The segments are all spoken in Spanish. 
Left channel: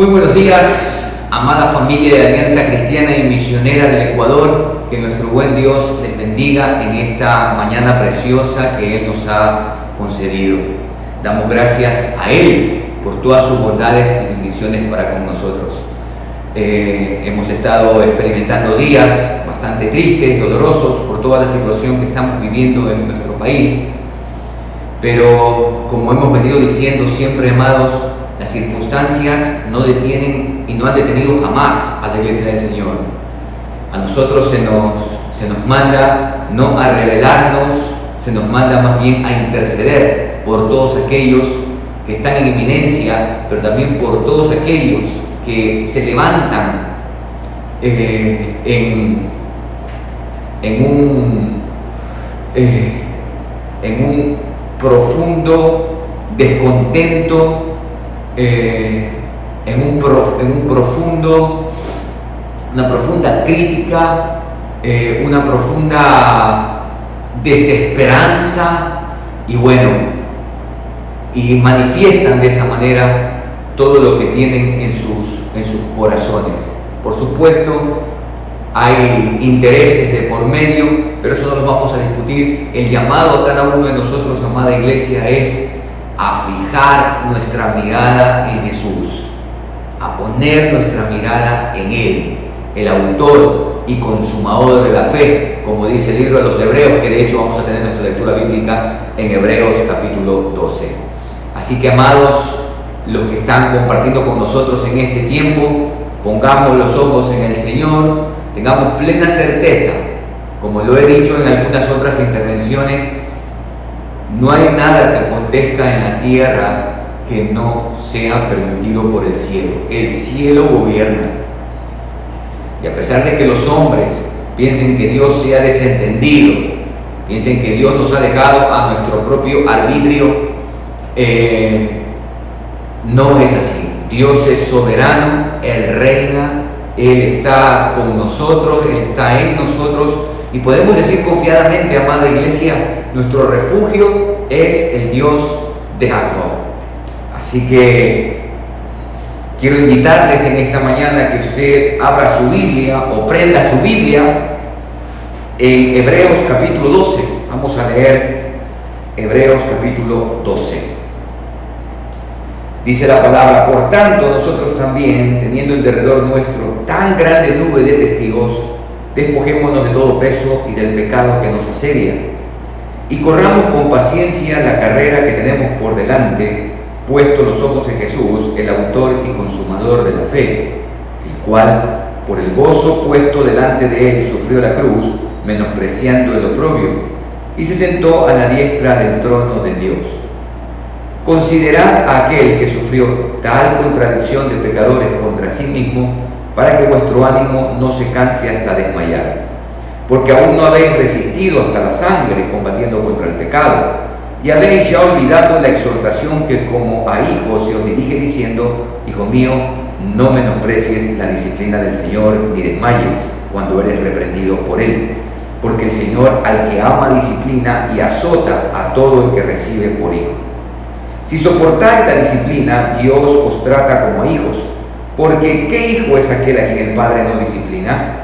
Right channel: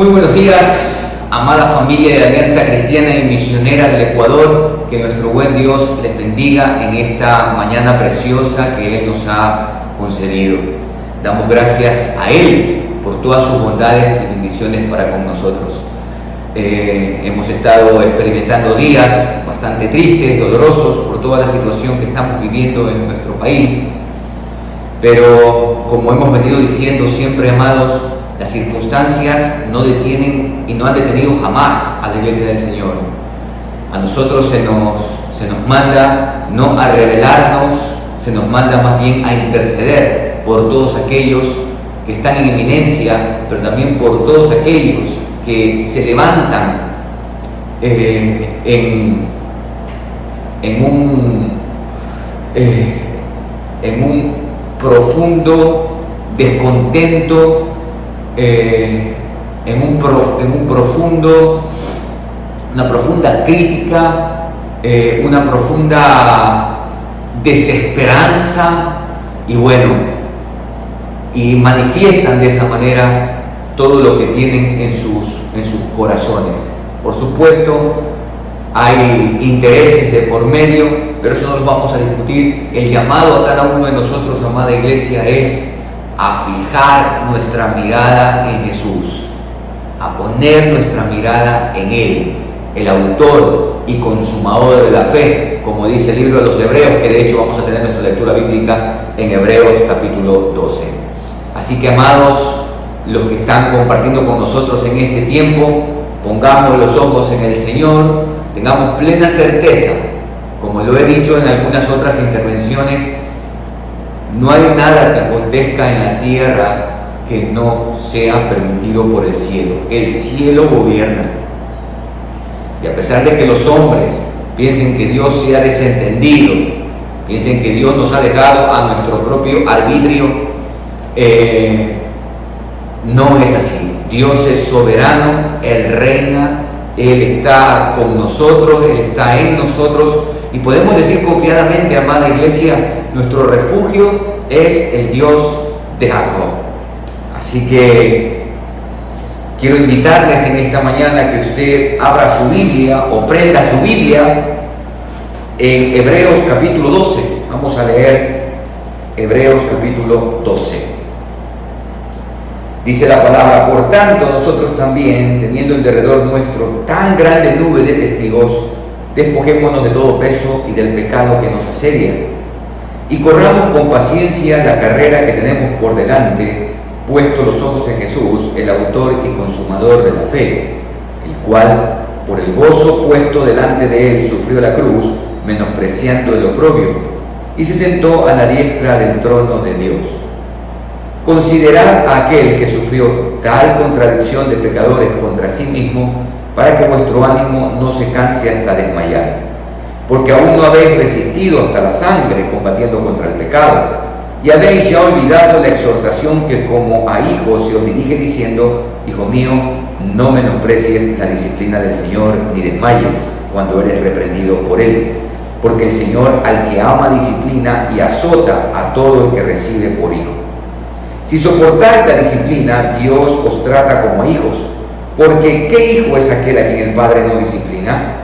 Muy buenos días, amada familia de Alianza Cristiana y Misionera del Ecuador. Que nuestro buen Dios les bendiga en esta mañana preciosa que Él nos ha concedido. Damos gracias a Él por todas sus bondades y bendiciones para con nosotros. Hemos estado experimentando días bastante tristes, dolorosos por toda la situación que estamos viviendo en nuestro país. Pero como hemos venido diciendo siempre, amados, las circunstancias no detienen y no han detenido jamás a la Iglesia del Señor. A nosotros se nos manda no a rebelarnos, se nos manda más bien a interceder por todos aquellos que están en inminencia, pero también por todos aquellos que se levantan en un profundo descontento, una profunda crítica, una profunda desesperanza y manifiestan de esa manera todo lo que tienen en sus corazones. Por supuesto, hay intereses de por medio, pero eso no los vamos a discutir. El llamado a cada uno de nosotros, amada iglesia, es a fijar nuestra mirada en Jesús, a poner nuestra mirada en Él, el autor y consumador de la fe, como dice el libro de los Hebreos, que de hecho vamos a tener nuestra lectura bíblica en Hebreos capítulo 12. Así que, amados, los que están compartiendo con nosotros en este tiempo, pongamos los ojos en el Señor, tengamos plena certeza, como lo he dicho en algunas otras intervenciones, no hay nada que acontezca en la tierra que no sea permitido por el cielo. El cielo gobierna. Y a pesar de que los hombres piensen que Dios se ha desentendido, piensen que Dios nos ha dejado a nuestro propio arbitrio, no es así. Dios es soberano, Él reina, Él está con nosotros, Él está en nosotros, y podemos decir confiadamente, amada iglesia, nuestro refugio es el Dios de Jacob. Así que quiero invitarles en esta mañana que usted abra su Biblia o prenda su Biblia en Hebreos capítulo 12. Vamos a leer Hebreos capítulo 12. Dice la palabra: por tanto, nosotros también, teniendo en derredor nuestro tan grande nube de testigos, despojémonos de todo peso y del pecado que nos asedia, y corramos con paciencia la carrera que tenemos por delante, puesto los ojos en Jesús, el autor y consumador de la fe, el cual, por el gozo puesto delante de él, sufrió la cruz, menospreciando el oprobio, y se sentó a la diestra del trono de Dios. Considerad a aquel que sufrió tal contradicción de pecadores contra sí mismo, para que vuestro ánimo no se canse hasta desmayar. Porque aún no habéis resistido hasta la sangre combatiendo contra el pecado, y habéis ya olvidado la exhortación que como a hijos se os dirige diciendo: Hijo mío, no menosprecies la disciplina del Señor, ni desmayes cuando eres reprendido por Él. Porque el Señor al que ama disciplina y azota a todo el que recibe por hijo. Si soportáis la disciplina, Dios os trata como hijos. Porque ¿qué hijo es aquel a quien el Padre no disciplina?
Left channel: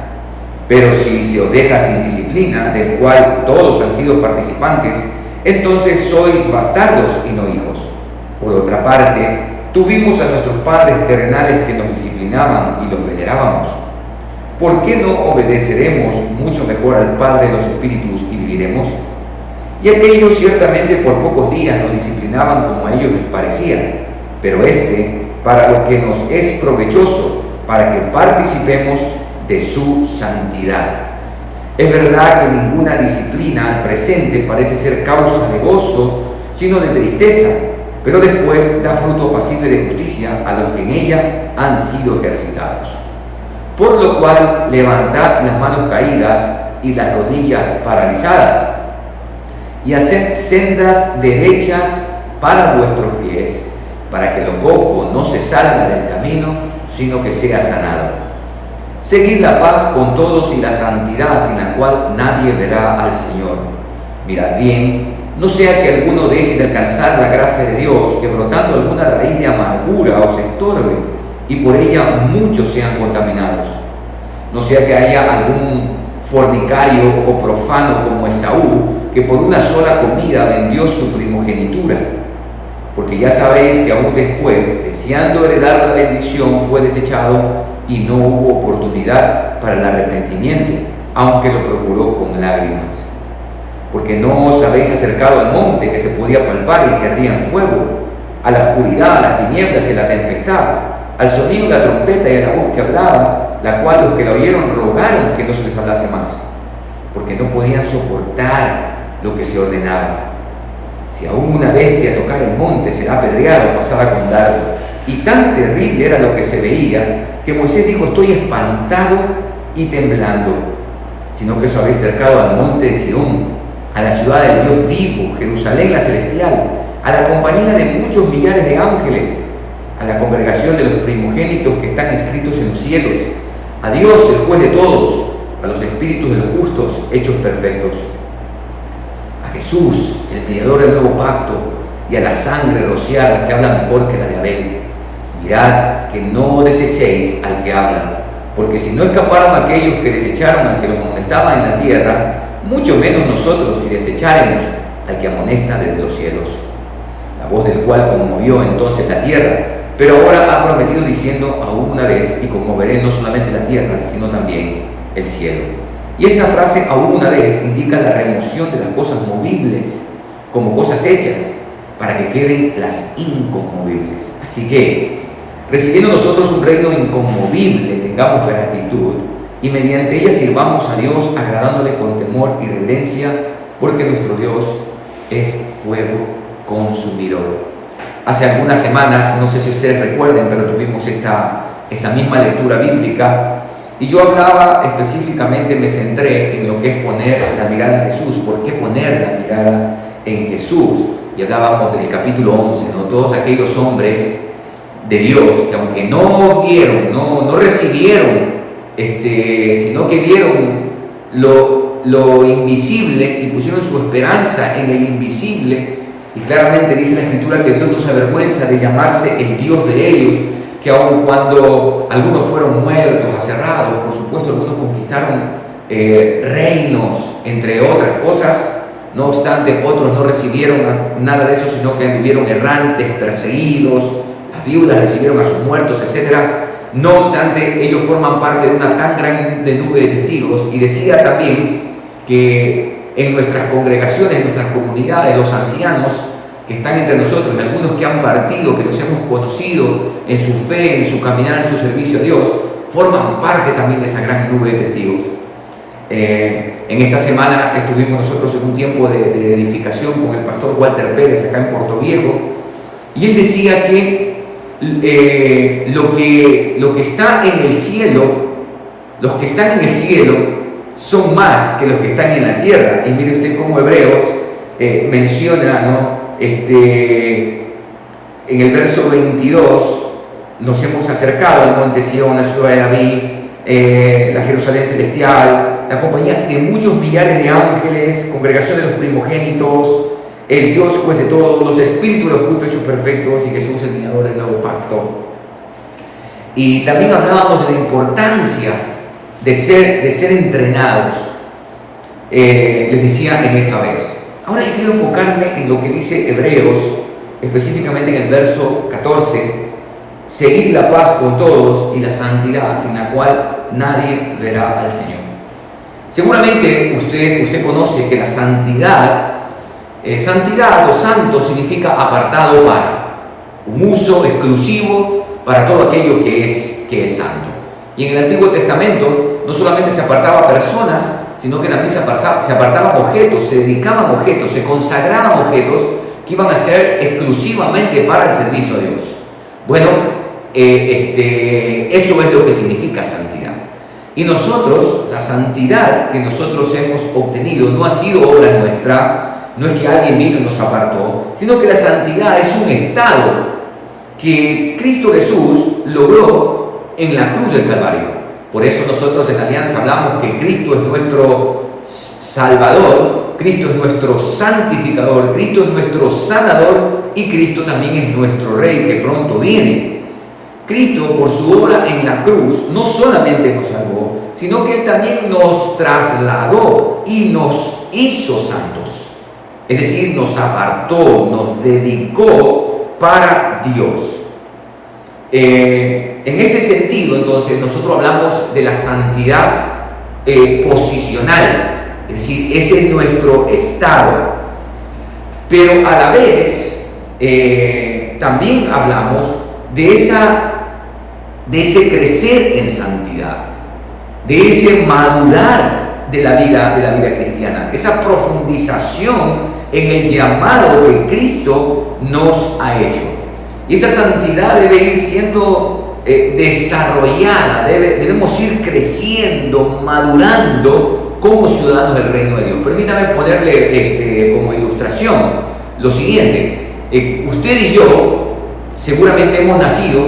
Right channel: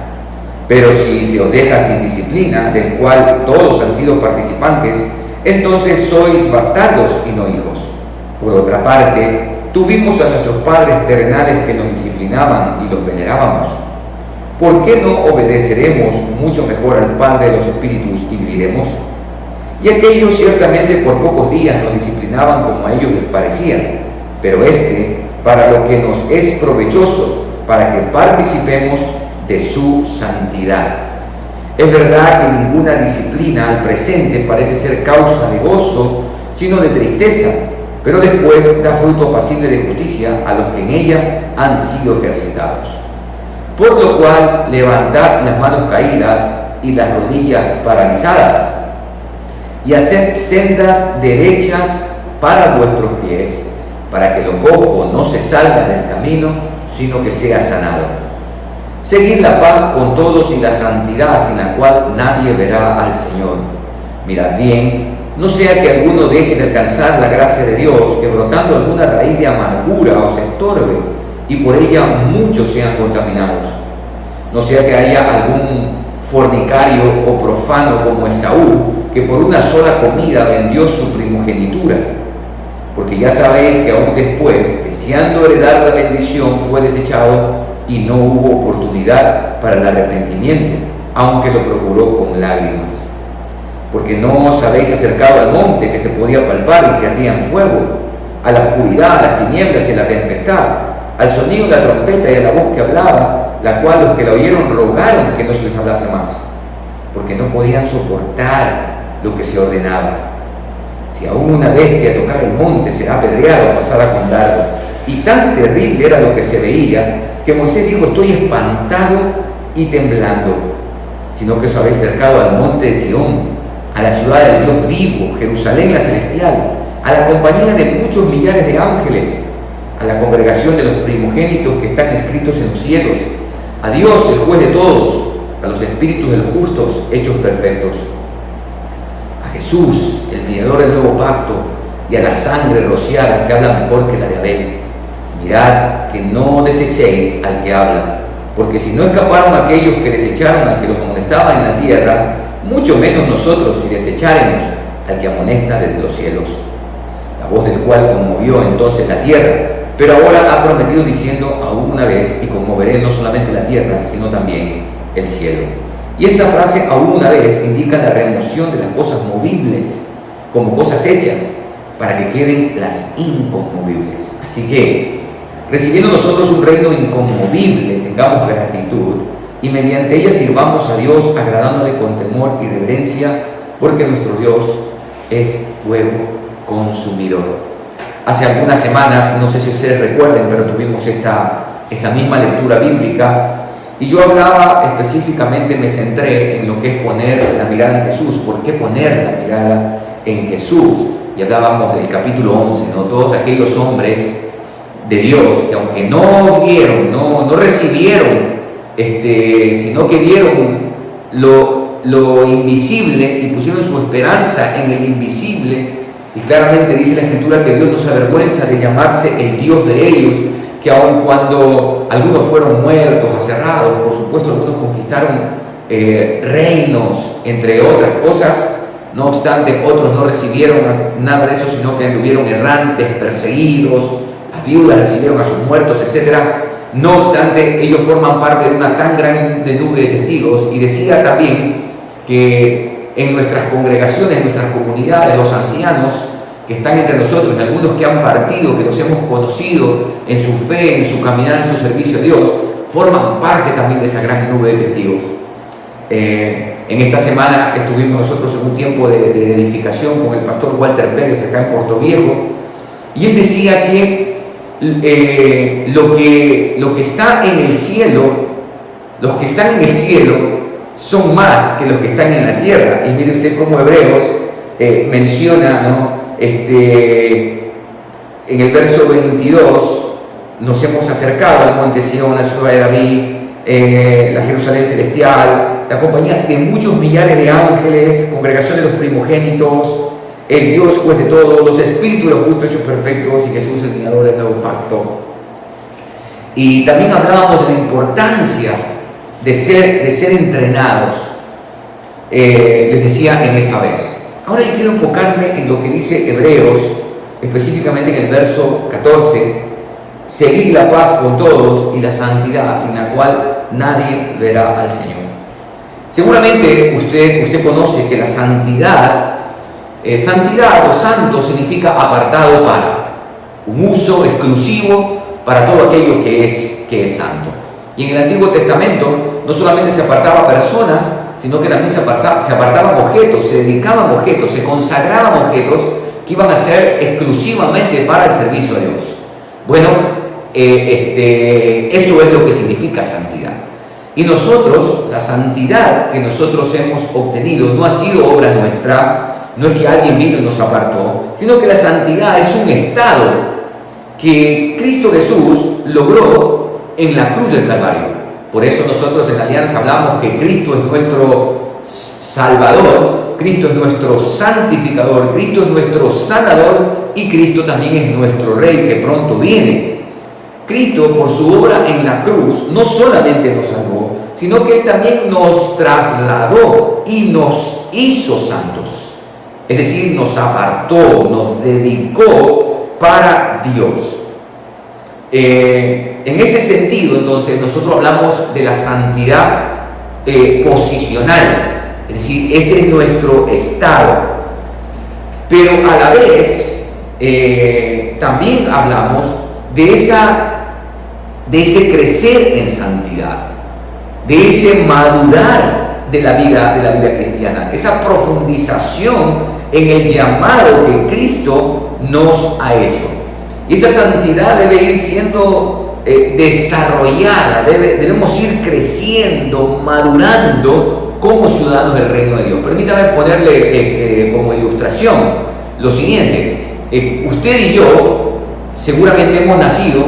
Pero si se os deja sin disciplina, del cual todos han sido participantes, entonces sois bastardos y no hijos. Por otra parte, tuvimos a nuestros padres terrenales que nos disciplinaban y los venerábamos. ¿Por qué no obedeceremos mucho mejor al Padre de los Espíritus y viviremos? Y aquellos ciertamente por pocos días nos disciplinaban como a ellos les parecía, pero para lo que nos es provechoso, para que participemos de su santidad. Es verdad que ninguna disciplina al presente parece ser causa de gozo, sino de tristeza, pero después da fruto apacible de justicia a los que en ella han sido ejercitados. Por lo cual, levantad las manos caídas y las rodillas paralizadas, y haced sendas derechas para vuestros pies, para que lo cojo no se salga del camino, sino que sea sanado. Seguid la paz con todos y la santidad, sin la cual nadie verá al Señor. Mirad bien, no sea que alguno deje de alcanzar la gracia de Dios, que brotando alguna raíz de amargura os estorbe, y por ella muchos sean contaminados. No sea que haya algún fornicario o profano como Esaú, que por una sola comida vendió su primogenitura. Porque ya sabéis que aún después, deseando heredar la bendición, fue desechado y no hubo oportunidad para el arrepentimiento, aunque lo procuró con lágrimas. Porque no os habéis acercado al monte que se podía palpar y que ardía en fuego, a la oscuridad, a las tinieblas y a la tempestad, al sonido de la trompeta y a la voz que hablaba, la cual los que la oyeron rogaron que no se les hablase más, porque no podían soportar lo que se ordenaba. Si aún una bestia tocara el monte, será apedreado o pasada con dardo. Y tan terrible era lo que se veía, que Moisés dijo: estoy espantado y temblando. Sino que os habéis acercado al monte de Sión, a la ciudad del Dios vivo, Jerusalén la celestial, a la compañía de muchos millares de ángeles, a la congregación de los primogénitos que están escritos en los cielos, a Dios, el juez de todos, a los espíritus de los justos hechos perfectos, a Jesús, el mediador del nuevo pacto, y a la sangre rociada que habla mejor que la de Abel. Mirad que no desechéis al que habla, porque si no escaparon aquellos que desecharon al que los amonestaba en la tierra, mucho menos nosotros si desecharemos al que amonesta desde los cielos, la voz del cual conmovió entonces la tierra, pero ahora ha prometido diciendo: aún una vez, y conmoveré no solamente la tierra, sino también el cielo. Y esta frase, aún una vez, indica la remoción de las cosas movibles como cosas hechas, para que queden las inconmovibles. Así que, recibiendo nosotros un reino inconmovible, tengamos gratitud, y mediante ella sirvamos a Dios, agradándole con temor y reverencia, porque nuestro Dios es fuego consumidor. Hace algunas semanas, no sé si ustedes recuerden, pero tuvimos esta misma lectura bíblica, y yo hablaba específicamente, me centré en lo que es poner la mirada en Jesús. ¿Por qué poner la mirada en Jesús? Y hablábamos del capítulo 11, ¿no? Todos aquellos hombres de Dios que, aunque no vieron, no recibieron, sino que vieron lo invisible y pusieron su esperanza en el invisible. Y claramente dice la Escritura que Dios no se avergüenza de llamarse el Dios de ellos, que aun cuando algunos fueron muertos, aserrados, por supuesto algunos conquistaron reinos, entre otras cosas, no obstante otros no recibieron nada de eso, sino que anduvieron errantes, perseguidos, las viudas recibieron a sus muertos, etc. No obstante, ellos forman parte de una tan grande nube de testigos. Y decía también que en nuestras congregaciones, en nuestras comunidades, los ancianos que están entre nosotros, y algunos que han partido, que los hemos conocido en su fe, en su caminar, en su servicio a Dios, forman parte también de esa gran nube de testigos. En esta semana estuvimos nosotros en un tiempo de edificación con el pastor Walter Pérez acá en Puerto Viejo, y él decía que lo que está en el cielo, los que están en el cielo son más que los que están en la tierra. Y mire usted cómo Hebreos menciona, ¿no? En el verso 22, nos hemos acercado al monte Sión, la ciudad de David, la Jerusalén celestial, la compañía de muchos millares de ángeles, congregación de los primogénitos, el Dios juez de todos, los espíritus de los justos hechos perfectos, y Jesús el mediador del nuevo pacto. Y también hablábamos de la importancia de ser entrenados, les decía en esa vez. Ahora yo quiero enfocarme en lo que dice Hebreos, específicamente en el verso 14: seguid la paz con todos y la santidad, sin la cual nadie verá al Señor. Seguramente usted conoce que la santidad o santo significa apartado para, un uso exclusivo para todo aquello que es santo. Y en el Antiguo Testamento no solamente se apartaba personas, sino que también se apartaban objetos, se dedicaban objetos, se consagraban objetos que iban a ser exclusivamente para el servicio a Dios. Bueno, eso es lo que significa santidad. Y nosotros, la santidad que nosotros hemos obtenido no ha sido obra nuestra, no es que alguien vino y nos apartó, sino que la santidad es un estado que Cristo Jesús logró en la cruz del Calvario. Por eso nosotros en la Alianza hablamos que Cristo es nuestro Salvador, Cristo es nuestro santificador, Cristo es nuestro sanador, y Cristo también es nuestro Rey que pronto viene. Cristo, por su obra en la cruz, no solamente nos salvó, sino que Él también nos trasladó y nos hizo santos. Es decir, nos apartó, nos dedicó para Dios. En este sentido, entonces, nosotros hablamos de la santidad posicional, es decir, ese es nuestro estado. Pero a la vez, también hablamos de ese crecer en santidad, de ese madurar de la vida cristiana, esa profundización en el llamado que Cristo nos ha hecho. Y esa santidad debe ir siendo desarrollada, debemos ir creciendo, madurando como ciudadanos del reino de Dios. Permítame ponerle como ilustración lo siguiente. Usted y yo seguramente hemos nacido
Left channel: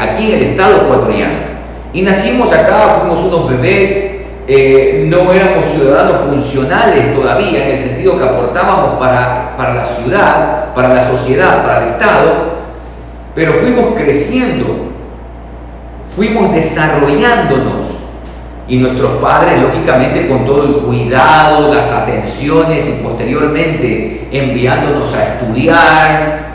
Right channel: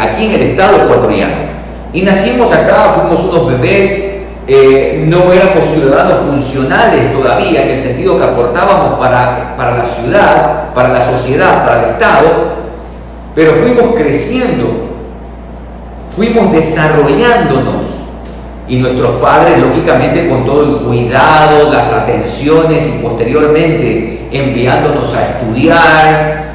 aquí en el estado ecuatoriano, y nacimos acá, fuimos unos bebés, no éramos ciudadanos funcionales todavía, en el sentido que aportábamos para la ciudad, para la sociedad, para el Estado, pero fuimos creciendo, fuimos desarrollándonos, y nuestros padres, lógicamente, con todo el cuidado, las atenciones, y posteriormente enviándonos a estudiar,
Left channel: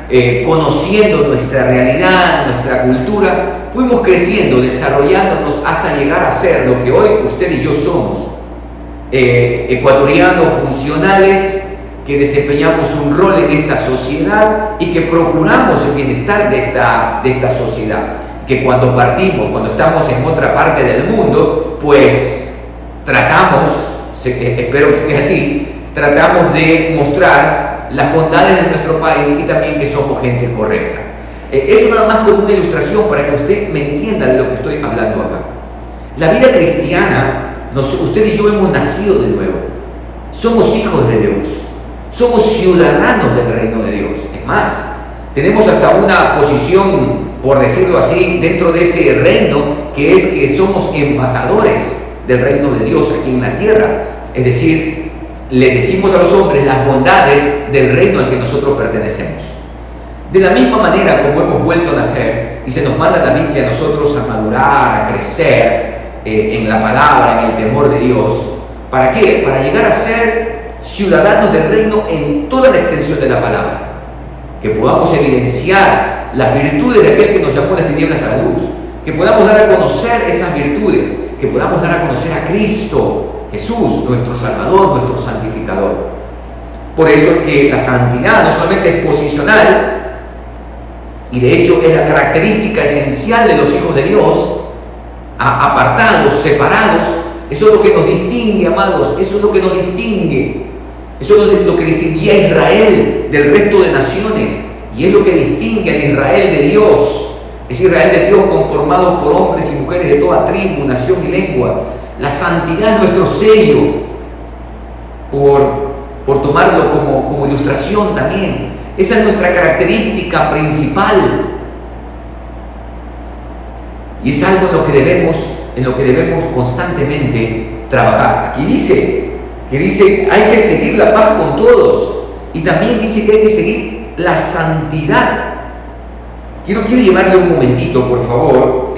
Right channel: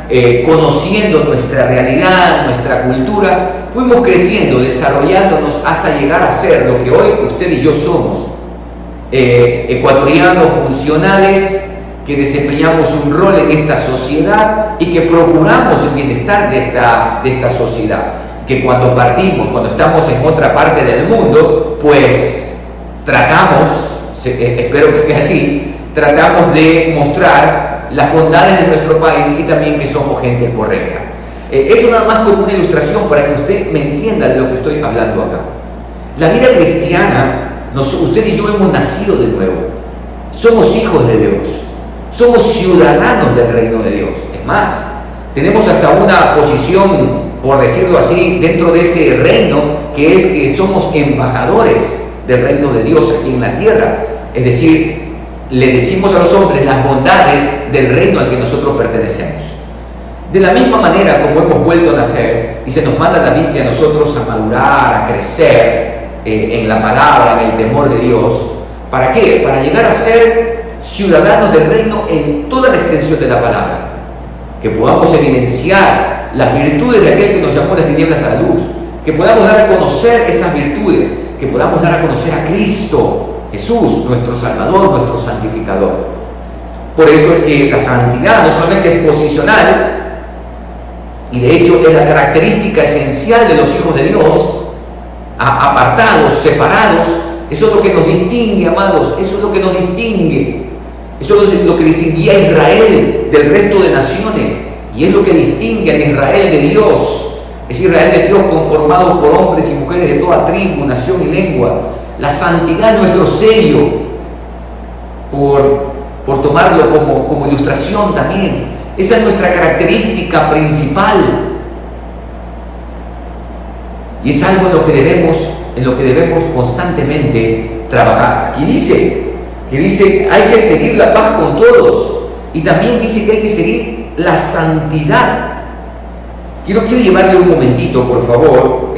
conociendo nuestra realidad, nuestra cultura, fuimos creciendo, desarrollándonos hasta llegar a ser lo que hoy usted y yo somos, ecuatorianos funcionales que desempeñamos un rol en esta sociedad y que procuramos el bienestar de esta sociedad, que cuando partimos, cuando estamos en otra parte del mundo, pues tratamos, espero que sea así, tratamos de mostrar las bondades de nuestro país y también que somos gente correcta. Eso nada más como una ilustración para que usted me entienda de lo que estoy hablando acá. La vida cristiana, usted y yo hemos nacido de nuevo, somos hijos de Dios, somos ciudadanos del reino de Dios. Es más, tenemos hasta una posición, por decirlo así, dentro de ese reino, que es que somos embajadores del reino de Dios aquí en la tierra. Es decir, le decimos a los hombres las bondades del reino al que nosotros pertenecemos. De la misma manera como hemos vuelto a nacer y se nos manda la Biblia a nosotros a madurar, a crecer en la palabra, en el temor de Dios. ¿Para qué? Para llegar a ser ciudadanos del reino en toda la extensión de la palabra. Que podamos evidenciar las virtudes de aquel que nos llamó las tinieblas a la luz. Que podamos dar a conocer esas virtudes. Que podamos dar a conocer a Cristo Jesús, nuestro Salvador, nuestro santificador. Por eso es que la santidad no solamente es posicional, y de hecho es la característica esencial de los hijos de Dios, apartados, separados. Eso es lo que nos distingue, amados, eso es lo que nos distingue. Eso es lo que distinguía a Israel del resto de naciones, y es lo que distingue al Israel de Dios. Es Israel de Dios conformado por hombres y mujeres de toda tribu, nación y lengua. La santidad es nuestro sello, por tomarlo como ilustración también. Esa es nuestra característica principal. Y es algo en lo que debemos constantemente trabajar. Aquí dice hay que seguir la paz con todos. Y también dice que hay que seguir la santidad. Quiero llevarle un momentito, por favor.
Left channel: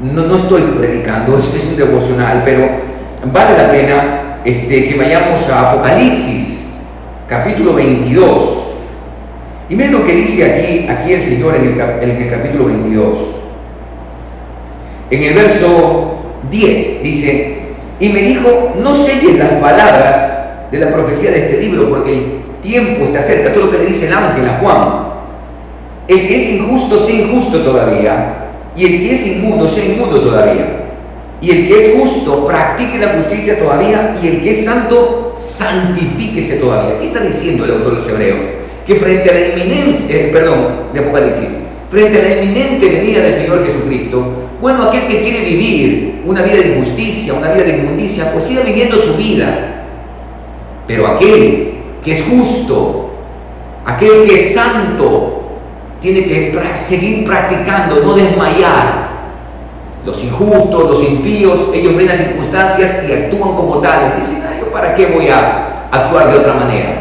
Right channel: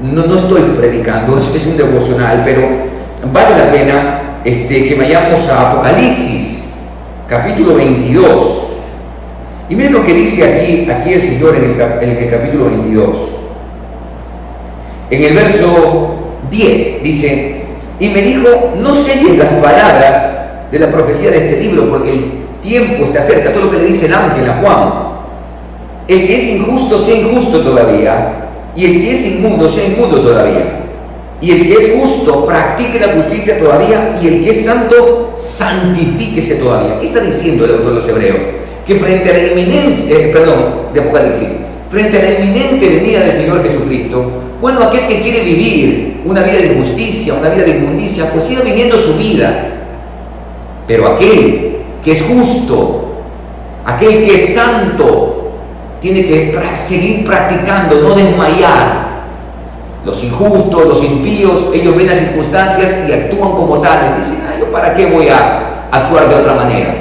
No estoy predicando, es un devocional, pero vale la pena que vayamos a Apocalipsis, capítulo 22. Y miren lo que dice aquí el Señor en el capítulo 22. En el verso 10 dice: y me dijo, no selles las palabras de la profecía de este libro, porque el tiempo está cerca. Todo lo que le dice el ángel a Juan: el que es injusto sea injusto todavía, y el que es inmundo sea inmundo todavía, y el que es justo practique la justicia todavía, y el que es santo santifíquese todavía. ¿Qué está diciendo el autor de los Hebreos? Que frente a la de Apocalipsis, frente a la inminente venida del Señor Jesucristo, bueno, aquel que quiere vivir una vida de injusticia, una vida de inmundicia, pues siga viviendo su vida. Pero aquel que es justo, aquel que es santo, tiene que seguir practicando, no desmayar. Los injustos, los impíos, ellos ven las circunstancias y actúan como tales. Dicen: ¿yo para qué voy a actuar de otra manera?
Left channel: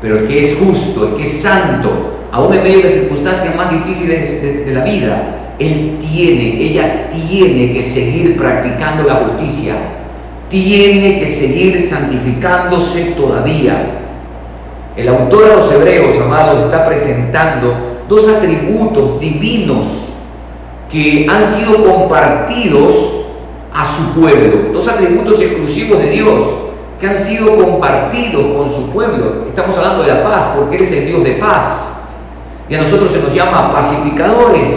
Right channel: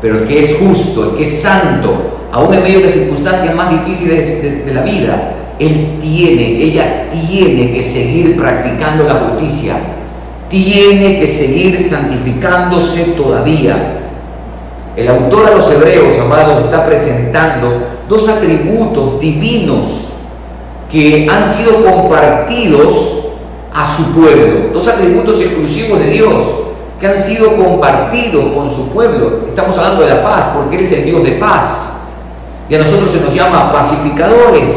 Pero el que es justo, el que es santo, aún en medio de las circunstancias más difíciles de la vida, ella tiene que seguir practicando la justicia, tiene que seguir santificándose todavía. El autor a los Hebreos, amados, está presentando dos atributos divinos que han sido compartidos a su pueblo, dos atributos exclusivos de Dios que han sido compartidos con su pueblo. Estamos hablando de la paz, porque Él es el Dios de paz, y a nosotros se nos llama pacificadores.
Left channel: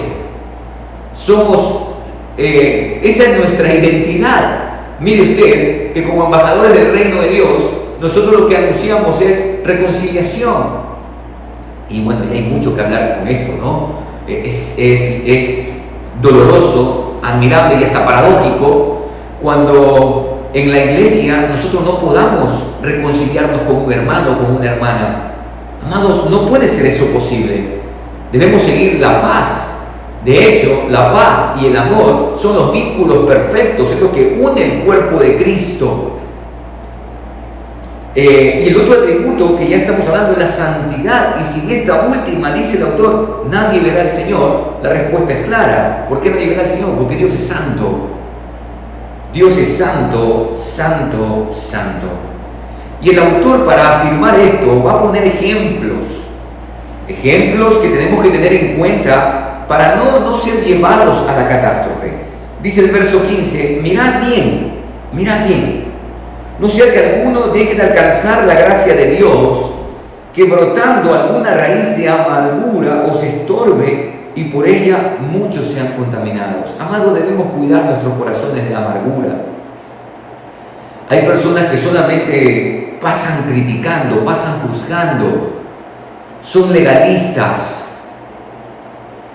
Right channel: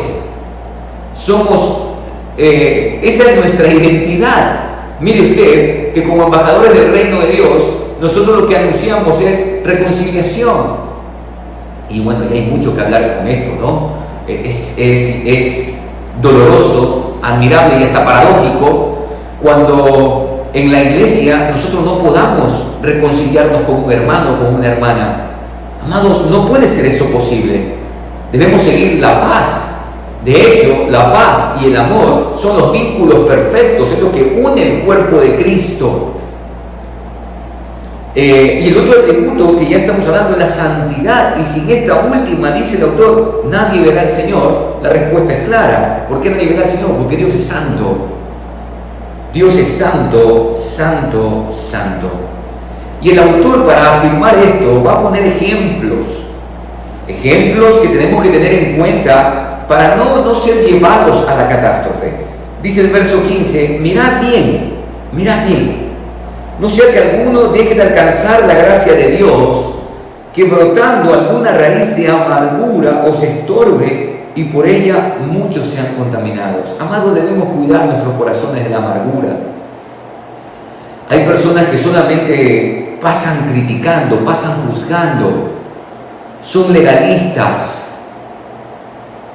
Esa es nuestra identidad. Mire usted que como embajadores del reino de Dios, nosotros lo que anunciamos es reconciliación. Y bueno, ya hay mucho que hablar con esto, ¿no? Es doloroso, admirable y hasta paradójico cuando en la iglesia nosotros no podamos reconciliarnos con un hermano o con una hermana. Amados, no puede ser eso posible. Debemos seguir la paz. De hecho, la paz y el amor son los vínculos perfectos, es lo que une el cuerpo de Cristo. Y el otro atributo que ya estamos hablando es la santidad, y sin esta última, dice el autor, nadie verá al Señor. La respuesta es clara. ¿Por qué nadie verá al Señor? Porque Dios es santo. Dios es santo, santo, santo. Y el autor, para afirmar esto, va a poner ejemplos que tenemos que tener en cuenta para no ser llevados a la catástrofe. Dice el verso 15, mirad bien, no sea que alguno deje de alcanzar la gracia de Dios, que brotando alguna raíz de amargura os estorbe y por ella muchos sean contaminados. Amados, debemos cuidar nuestros corazones de la amargura. Hay personas que solamente pasan criticando, pasan juzgando, son legalistas.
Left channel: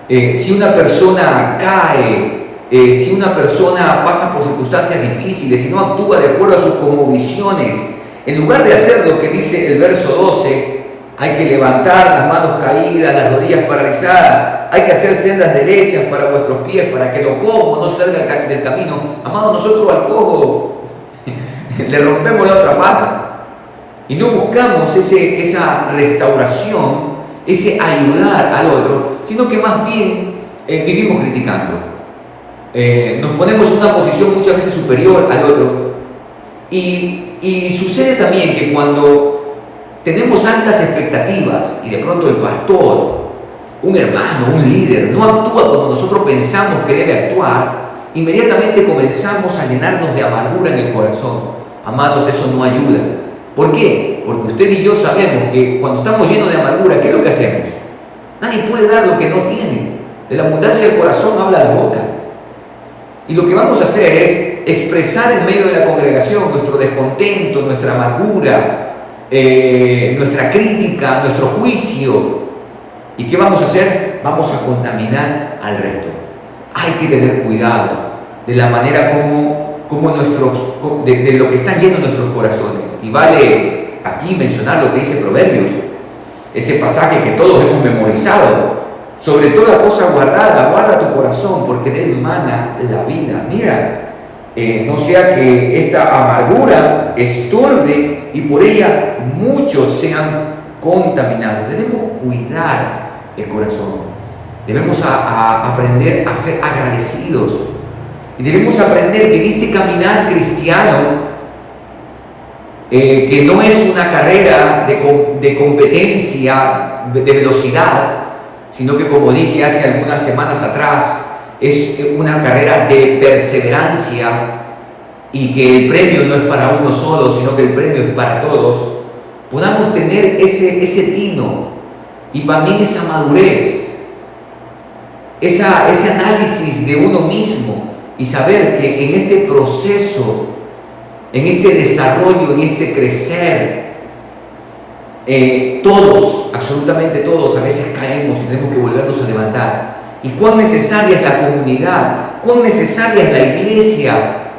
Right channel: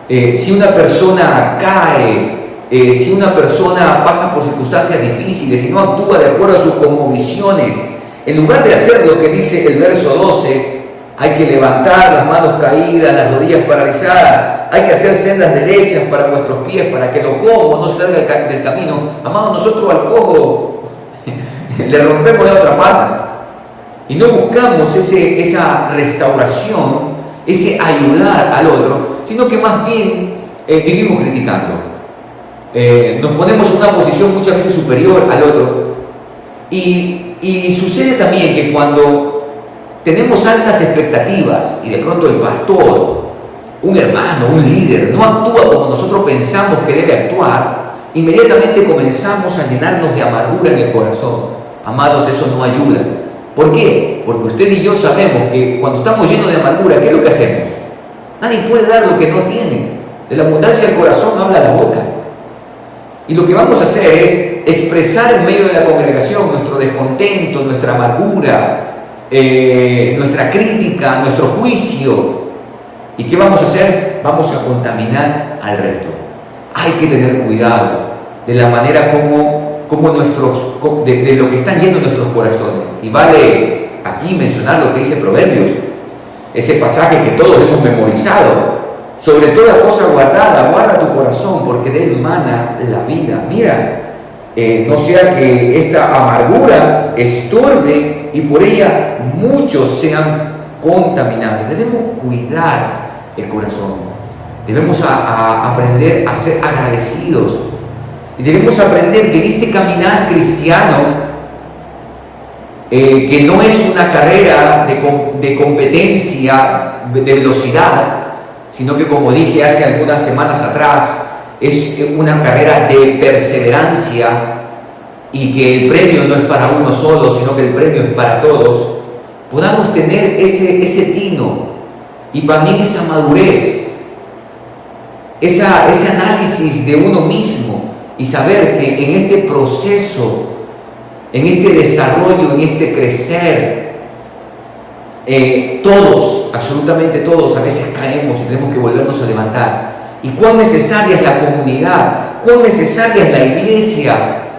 Si una persona cae, si una persona pasa por circunstancias difíciles y no actúa de acuerdo a sus cosmovisiones, en lugar de hacer lo que dice el verso 12, hay que levantar las manos caídas, las rodillas paralizadas, hay que hacer sendas derechas para vuestros pies, para que lo cojo no salga del camino. Amados, nosotros al cojo le rompemos la otra pata y no buscamos esa restauración, ese ayudar al otro, sino que más bien vivimos criticando. Nos ponemos en una posición muchas veces superior al otro, y sucede también que cuando tenemos altas expectativas y de pronto el pastor, un hermano, un líder no actúa como nosotros pensamos que debe actuar, inmediatamente comenzamos a llenarnos de amargura en el corazón. Amados, eso no ayuda. ¿Por qué? Porque usted y yo sabemos que cuando estamos llenos de amargura, ¿qué es lo que hacemos? Nadie puede dar lo que no tiene. De la abundancia del corazón habla la boca. Y lo que vamos a hacer es expresar en medio de la congregación nuestro descontento, nuestra amargura, nuestra crítica, nuestro juicio. ¿Y qué vamos a hacer? Vamos a contaminar al resto. Hay que tener cuidado de la manera como de lo que están llenos nuestros corazones. Y vale aquí mencionar lo que dice Proverbios, ese pasaje que todos hemos memorizado: sobre toda cosa guardada, guarda tu corazón, porque de él mana la vida. Mira, no sea que esta amargura estorbe y por ella muchos sean contaminados. Debemos cuidar el corazón, debemos aprender a ser agradecidos, y debemos aprender que en este caminar cristiano, que no es una carrera de competencia, de velocidad, sino que, como dije hace algunas semanas atrás, es una carrera de perseverancia, y que el premio no es para uno solo, sino que el premio es para todos. Podamos tener ese tino y también esa madurez, ese análisis de uno mismo, y saber que en este proceso, en este desarrollo, en este crecer, todos, absolutamente todos, a veces caemos y tenemos que volvernos a levantar. Y cuán necesaria es la comunidad, cuán necesaria es la iglesia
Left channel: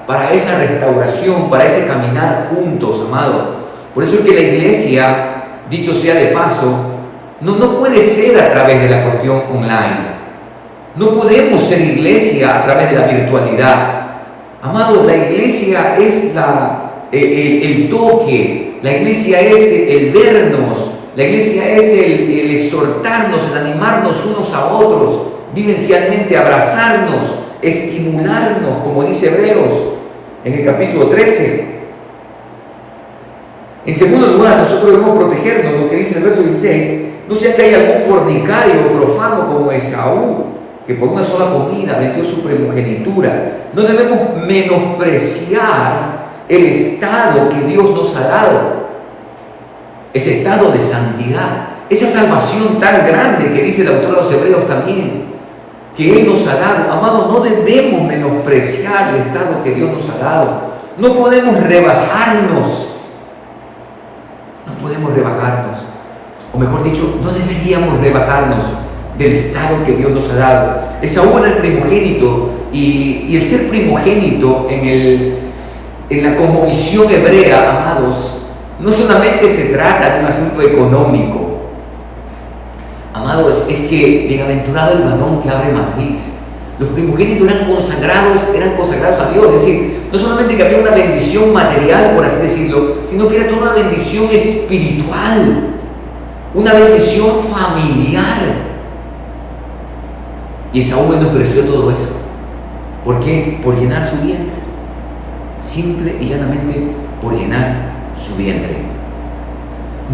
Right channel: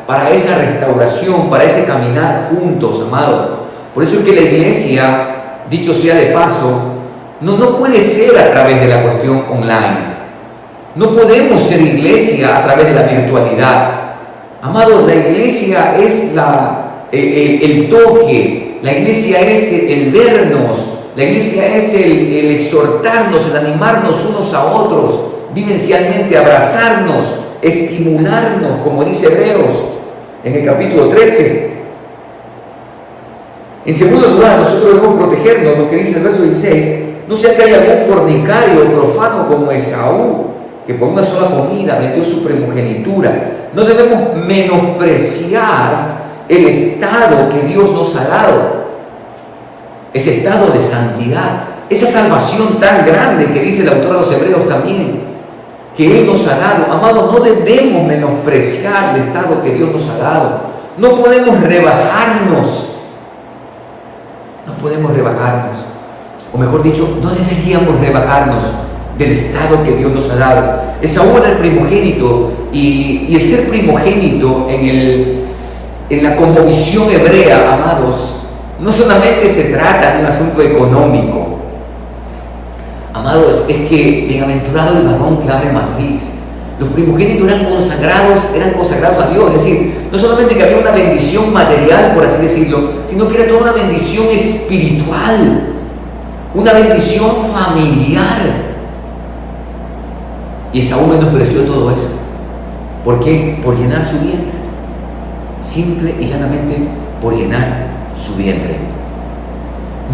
para esa restauración, para ese caminar juntos, amado. Por eso es que la iglesia, dicho sea de paso, no puede ser a través de la cuestión online. No podemos ser iglesia a través de la virtualidad. Amados, la iglesia es el toque, la iglesia es el vernos, La iglesia es el exhortarnos, el animarnos unos a otros, vivencialmente abrazarnos, estimularnos, como dice Hebreos en el capítulo 13. En segundo lugar, nosotros debemos protegernos, lo que dice el verso 16, no sea que haya algún fornicario o profano como Esaú, que por una sola comida vendió su primogenitura. No debemos menospreciar el estado que Dios nos ha dado, ese estado de santidad, esa salvación tan grande que dice el autor de los Hebreos también, que Él nos ha dado. Amados, no debemos menospreciar el estado que Dios nos ha dado. No podemos rebajarnos. No podemos rebajarnos. O mejor dicho, no deberíamos rebajarnos del estado que Dios nos ha dado. Esaú era el primogénito, y el ser primogénito en la cosmovisión hebrea, amados, no solamente se trata de un asunto económico. Amados, es que bienaventurado el varón que abre matriz. Los primogénitos eran consagrados a Dios, es decir, no solamente que había una bendición material, por así decirlo, sino que era toda una bendición espiritual, una bendición familiar. Y Esaú menospreció todo eso. ¿Por qué? Por llenar su vientre. Simple y llanamente por llenar su vientre.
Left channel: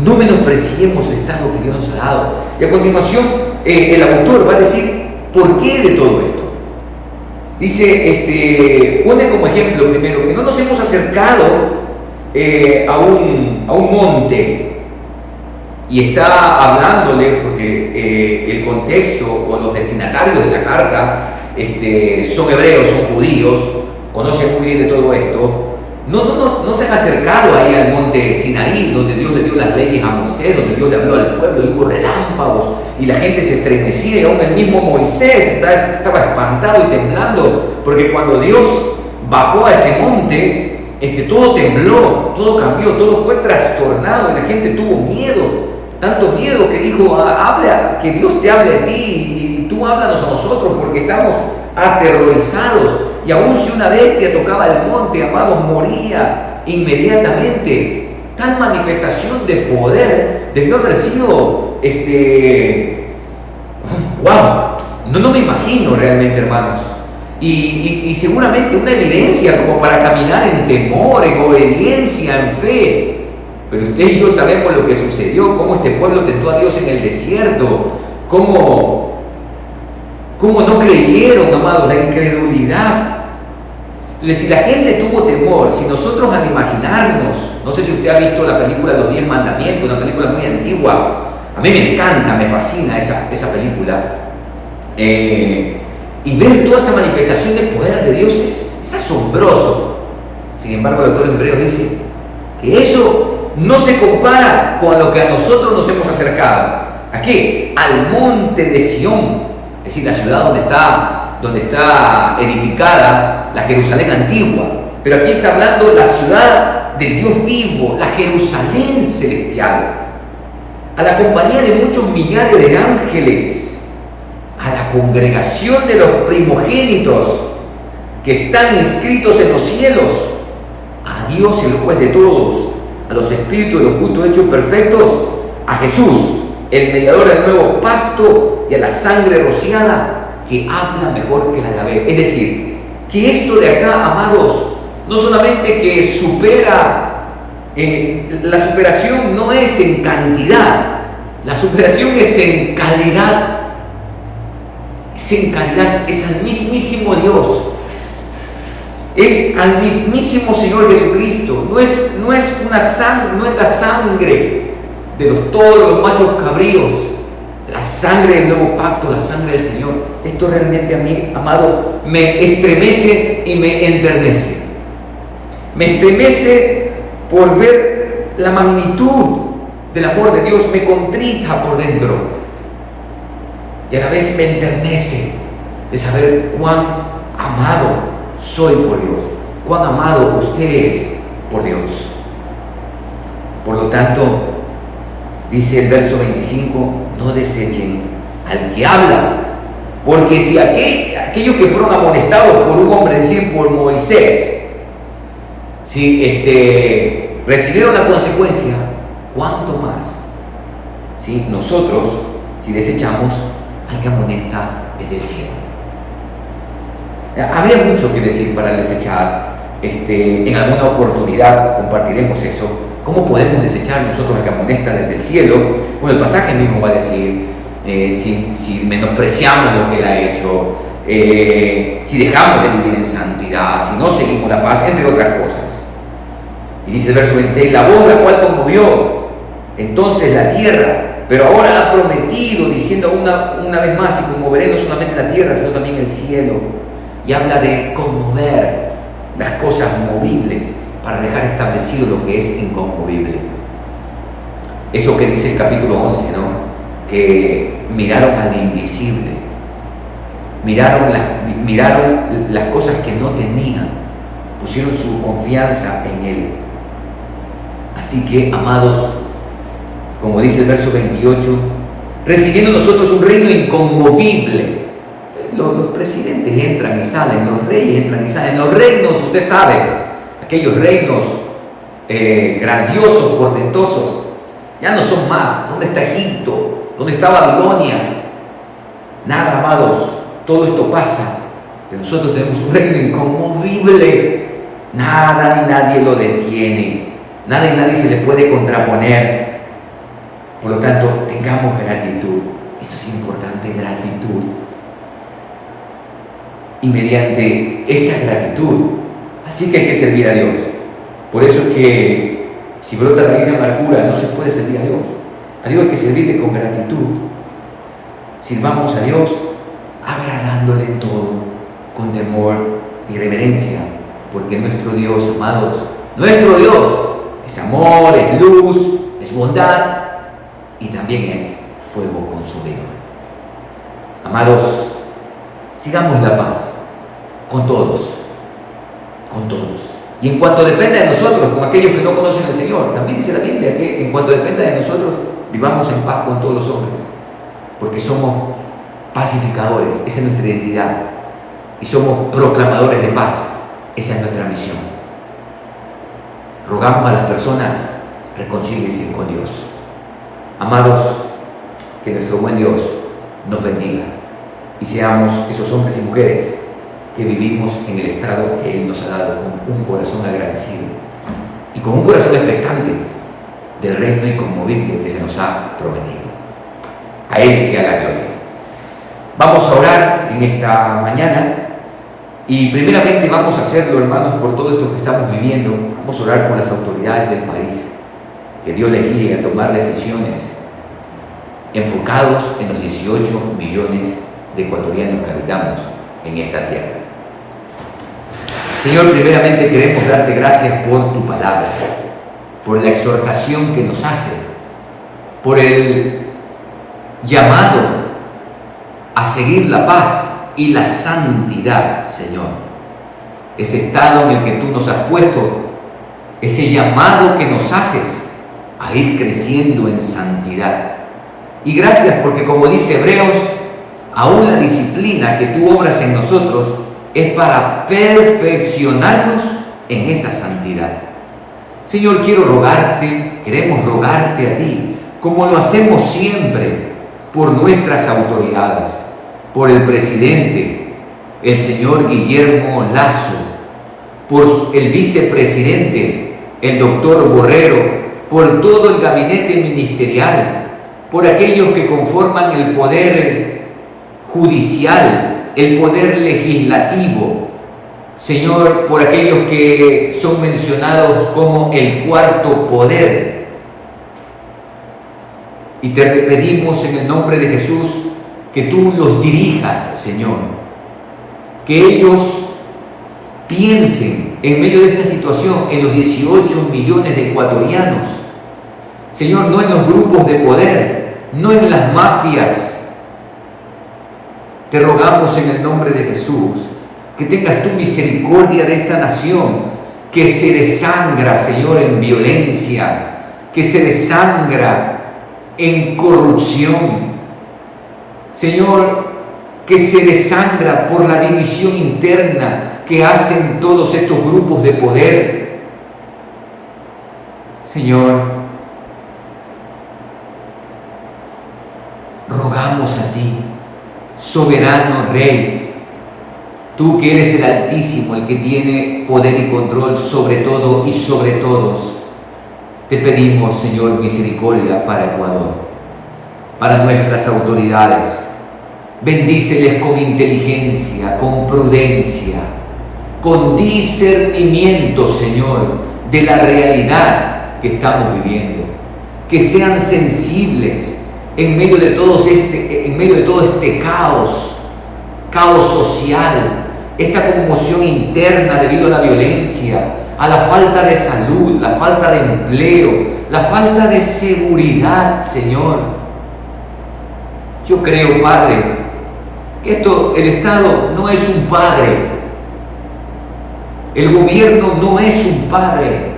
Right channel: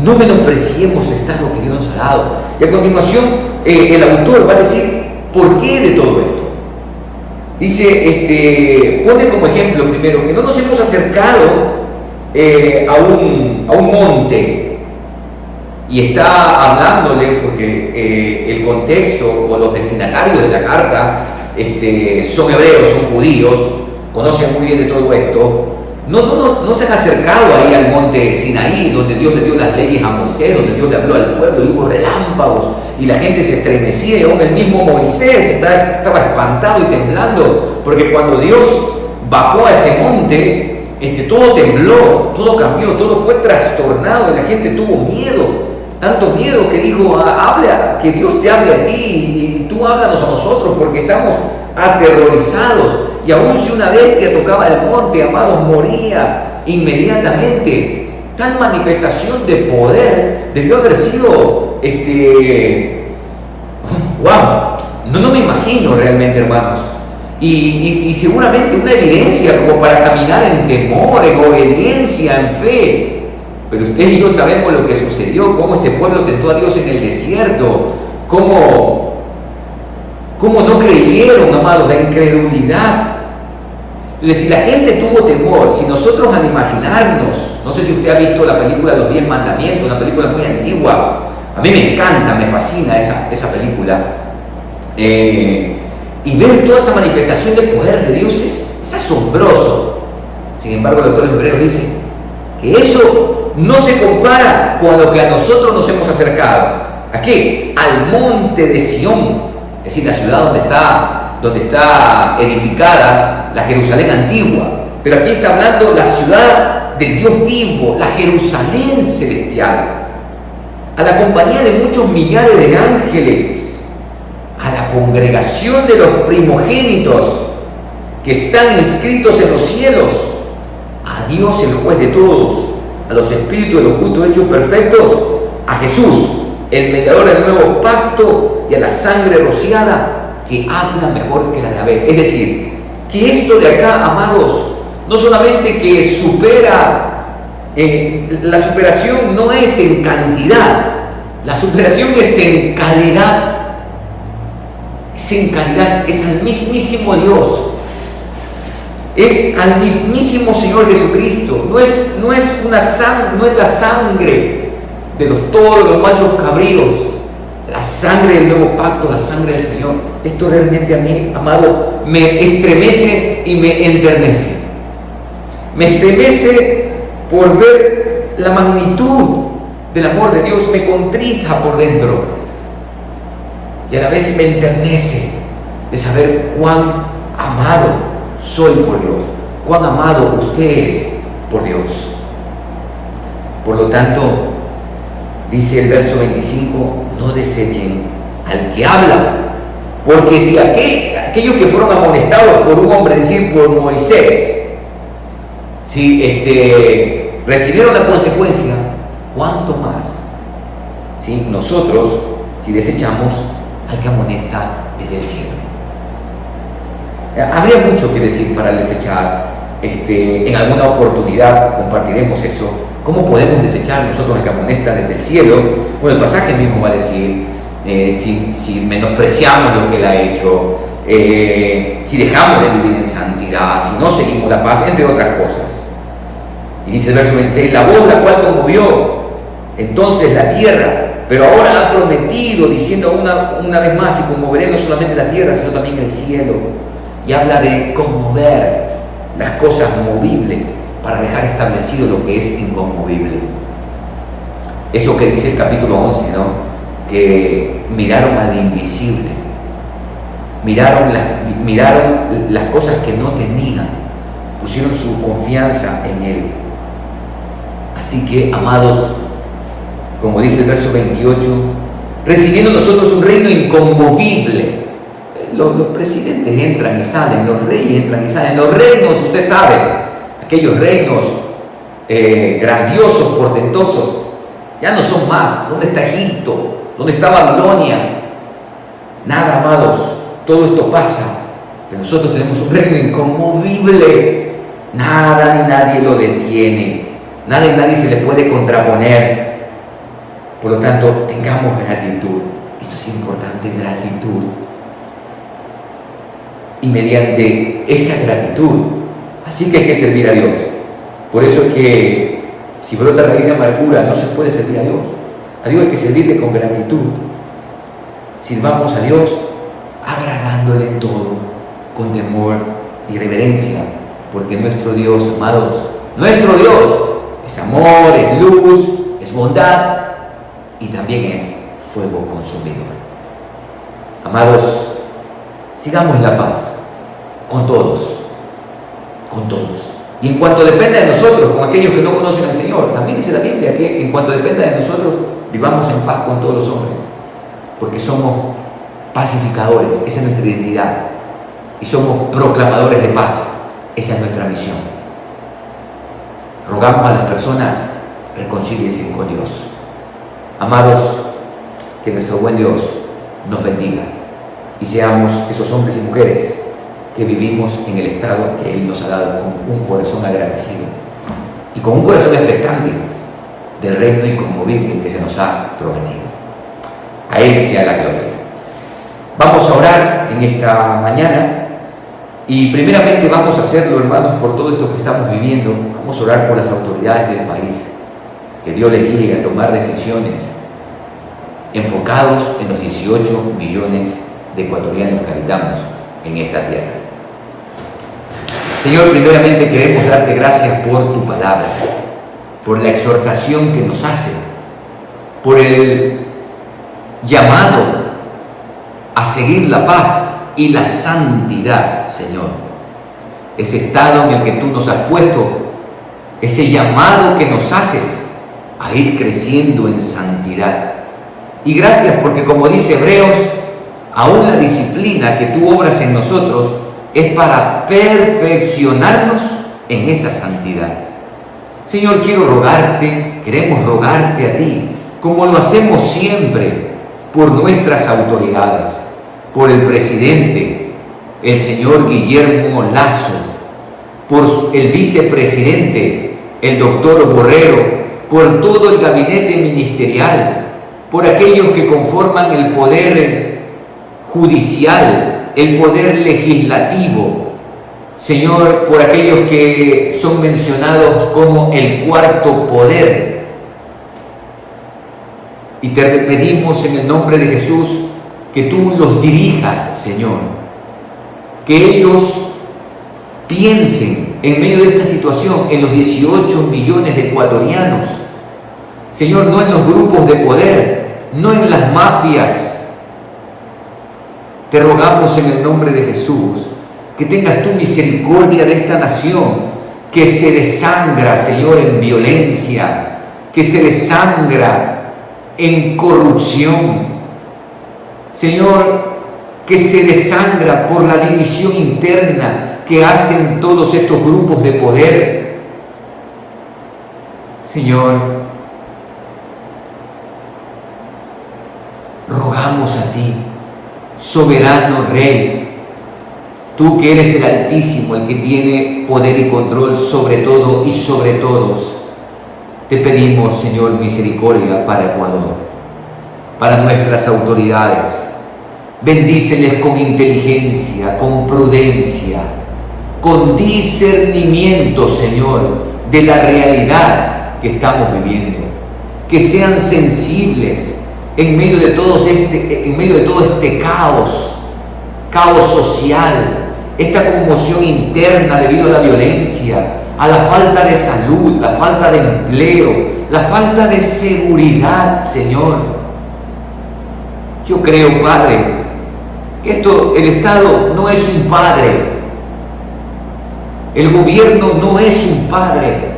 No menospreciemos el estado que Dios nos ha dado. Y a continuación, el autor va a decir por qué de todo esto. Dice, pone como ejemplo primero que no nos hemos acercado a un monte, y está hablándole porque el contexto o los destinatarios de la carta son hebreos, son judíos, conocen muy bien de todo esto. No se han acercado ahí al monte Sinaí, donde Dios le dio las leyes a Moisés, donde Dios le habló al pueblo y hubo relámpagos y la gente se estremecía, y aún el mismo Moisés estaba espantado y temblando, porque cuando Dios bajó a ese monte, todo tembló, todo cambió, todo fue trastornado y la gente tuvo miedo, tanto miedo que dijo, que Dios te hable a ti y tú háblanos a nosotros porque estamos aterrorizados. Y aun si una bestia tocaba el monte, amados, moría inmediatamente. Tal manifestación de poder debió haber sido, wow, no me imagino realmente, hermanos. Y seguramente una evidencia como para caminar en temor, en obediencia, en fe. Pero usted y yo sabemos lo que sucedió, cómo este pueblo tentó a Dios en el desierto, cómo no creyeron, amados, la incredulidad. Entonces, si la gente tuvo temor, si nosotros al imaginarnos, no sé si usted ha visto la película Los 10 Mandamientos, una película muy antigua, a mí me encanta, me fascina esa película, y ver toda esa manifestación de poder de Dios es asombroso. Sin embargo, el autor de Hebreos dice que eso no se compara con lo que a nosotros nos hemos acercado. ¿A qué? Al monte de Sión, es decir, la ciudad donde está edificada la Jerusalén antigua. Pero aquí está hablando la ciudad del Dios vivo, la Jerusalén celestial, a la compañía de muchos millares de ángeles, a la congregación de los primogénitos que están inscritos en los cielos, a Dios el juez de todos, a los espíritus de los justos hechos perfectos, a Jesús, el mediador del nuevo pacto, y a la sangre rociada que habla mejor que la de Abel. Es decir, que esto de acá, amados, no solamente que supera, la superación no es en cantidad, la superación es en calidad. Es en calidad, es al mismísimo Dios, es al mismísimo Señor Jesucristo. No es la sangre de todos los machos cabríos, la sangre del nuevo pacto, la sangre del Señor. Esto realmente a mí, amado, me estremece y me enternece. Me estremece por ver la magnitud del amor de Dios, me contrita por dentro y a la vez me enternece de saber cuán amado soy por Dios, cuán amado usted es por Dios. Por lo tanto, dice el verso 25, no desechen al que habla, porque si aquellos que fueron amonestados por un hombre, es decir, por Moisés, si recibieron la consecuencia, ¿cuánto más ¿sí? Nosotros, si desechamos al que amonesta desde el cielo. Habría mucho que decir para desechar. En alguna oportunidad compartiremos eso. ¿Cómo podemos desechar nosotros al que amonesta desde el cielo? Bueno, el pasaje mismo va a decir, si menospreciamos lo que Él ha hecho, si dejamos de vivir en santidad, si no seguimos la paz, entre otras cosas. Y dice el verso 26, la voz la cual conmovió entonces la tierra, pero ahora ha prometido, diciendo una vez más, y conmoveré no solamente la tierra, sino también el cielo. Y habla de conmover las cosas movibles para dejar establecido lo que es inconmovible. Eso que dice el capítulo 11, ¿no? Que miraron al invisible, miraron las cosas que no tenían, pusieron su confianza en Él. Así que, amados, como dice el verso 28, recibiendo nosotros un reino inconmovible. Los presidentes entran y salen, los reyes entran y salen. Los reinos, usted sabe, aquellos reinos grandiosos, portentosos, ya no son más. ¿Dónde está Egipto? ¿Dónde está Babilonia? Nada, amados, todo esto pasa. Pero nosotros tenemos un reino inconmovible. Nada ni nadie lo detiene. Nada y nadie se le puede contraponer. Por lo tanto, tengamos gratitud. Esto es importante, gratitud. Y mediante esa gratitud, así que hay que servir a Dios. Por eso es que si brota raíz de amargura, no se puede servir a Dios. A Dios hay que servirle con gratitud. Sirvamos a Dios agradándole en todo, con temor y reverencia, porque nuestro Dios, amados, nuestro Dios es amor, es luz, es bondad y también es fuego consumidor. Amados, sigamos la paz con todos, con todos. Y en cuanto dependa de nosotros, con aquellos que no conocen al Señor, también dice la Biblia que en cuanto dependa de nosotros, vivamos en paz con todos los hombres, porque somos pacificadores, esa es nuestra identidad, y somos proclamadores de paz, esa es nuestra misión. Rogamos a las personas, reconcíliense con Dios. Amados, que nuestro buen Dios nos bendiga y seamos esos hombres y mujeres que vivimos en el estado que Él nos ha dado, con un corazón agradecido y con un corazón expectante del reino inconmovible que se nos ha prometido. A Él sea la gloria. Vamos a orar en esta mañana y primeramente vamos a hacerlo, hermanos, por todo esto que estamos viviendo. Vamos a orar por las autoridades del país, que Dios les guíe a tomar decisiones enfocados en los 18 millones de ecuatorianos que habitamos en esta tierra. Señor, primeramente queremos darte gracias por tu palabra, por la exhortación que nos hace, por el llamado a seguir la paz y la santidad, Señor. Ese estado en el que tú nos has puesto, ese llamado que nos haces a ir creciendo en santidad. Y gracias porque, como dice Hebreos, aún la disciplina que tú obras en nosotros es para perfeccionarnos en esa santidad. Señor, queremos rogarte a ti, como lo hacemos siempre, por nuestras autoridades, por el presidente, el señor Guillermo Lasso, por el vicepresidente, el doctor Borrero, por todo el gabinete ministerial, por aquellos que conforman el poder judicial, el poder legislativo, Señor, por aquellos que son mencionados como el cuarto poder. Y te pedimos en el nombre de Jesús que tú los dirijas, Señor, que ellos piensen en medio de esta situación en los 18 millones de ecuatorianos, Señor, no en los grupos de poder, no en las mafias. Te rogamos en el nombre de Jesús que tengas tu misericordia de esta nación que se desangra, Señor, en violencia, que se desangra en corrupción, Señor, que se desangra por la división interna que hacen todos estos grupos de poder. Señor, oramos a ti, soberano Rey, tú que eres el Altísimo, el que tiene poder y control sobre todo y sobre todos. Te pedimos, Señor, misericordia para Ecuador, para nuestras autoridades. Bendíceles con inteligencia, con prudencia, con discernimiento, Señor, de la realidad que estamos viviendo. Que sean sensibles en medio de todo este caos social, esta conmoción interna debido a la violencia, a la falta de salud, la falta de empleo, la falta de seguridad, Señor. Yo creo, Padre, que el Estado no es un padre, el gobierno no es un padre,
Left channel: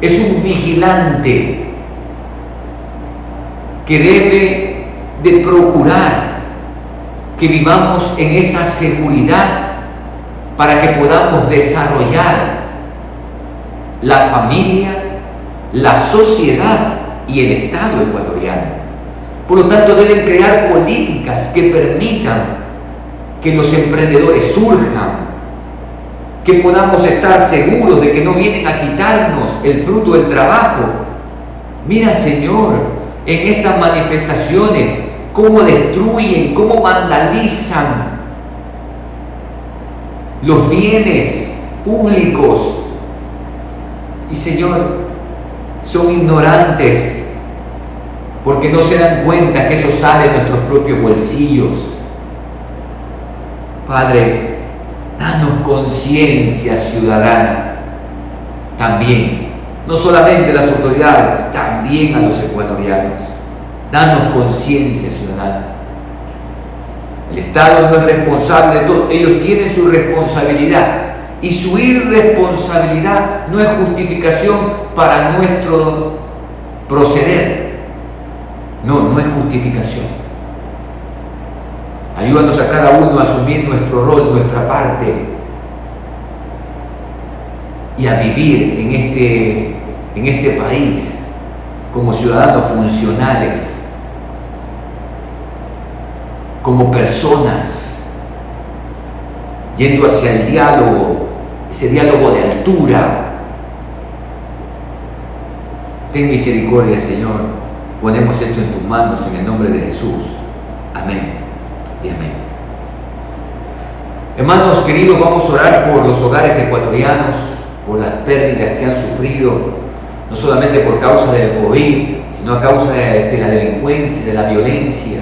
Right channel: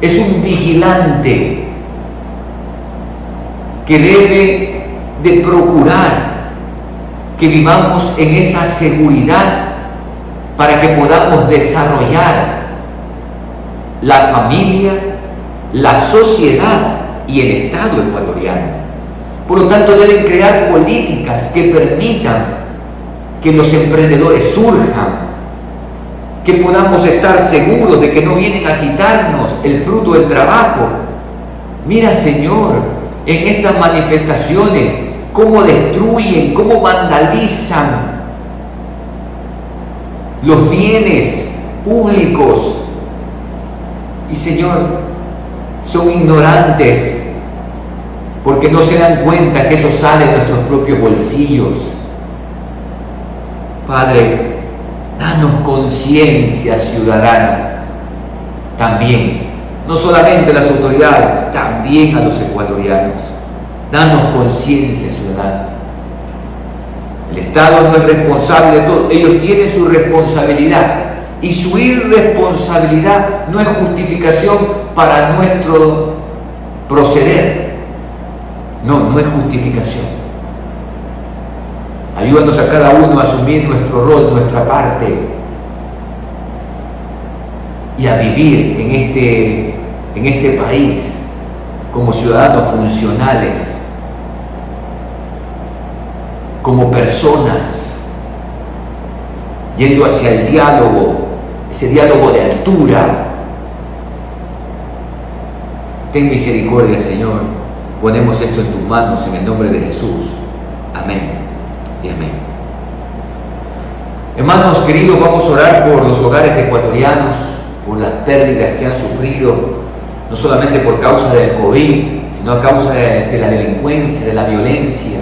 es un vigilante que debe de procurar que vivamos en esa seguridad para que podamos desarrollar la familia, la sociedad y el Estado ecuatoriano. Por lo tanto, deben crear políticas que permitan que los emprendedores surjan, que podamos estar seguros de que no vienen a quitarnos el fruto del trabajo. Mira, Señor, en estas manifestaciones, cómo destruyen, cómo vandalizan los bienes públicos. Y, Señor, son ignorantes porque no se dan cuenta que eso sale de nuestros propios bolsillos. Padre, danos conciencia ciudadana también, no solamente las autoridades, también a los ecuatorianos. Danos conciencia ciudadana. El Estado no es responsable de todo, ellos tienen su responsabilidad y su irresponsabilidad no es justificación para nuestro proceder. No es justificación. Ayúdanos a cada uno a asumir nuestro rol, nuestra parte y a vivir en este país como ciudadanos funcionales, como personas, yendo hacia el diálogo, ese diálogo de altura. Ten misericordia, Señor. Ponemos esto en tus manos en el nombre de Jesús. Amén y amén. Hermanos queridos, vamos a orar por los hogares ecuatorianos, por las pérdidas que han sufrido, no solamente por causa del COVID, sino a causa de la delincuencia, de la violencia.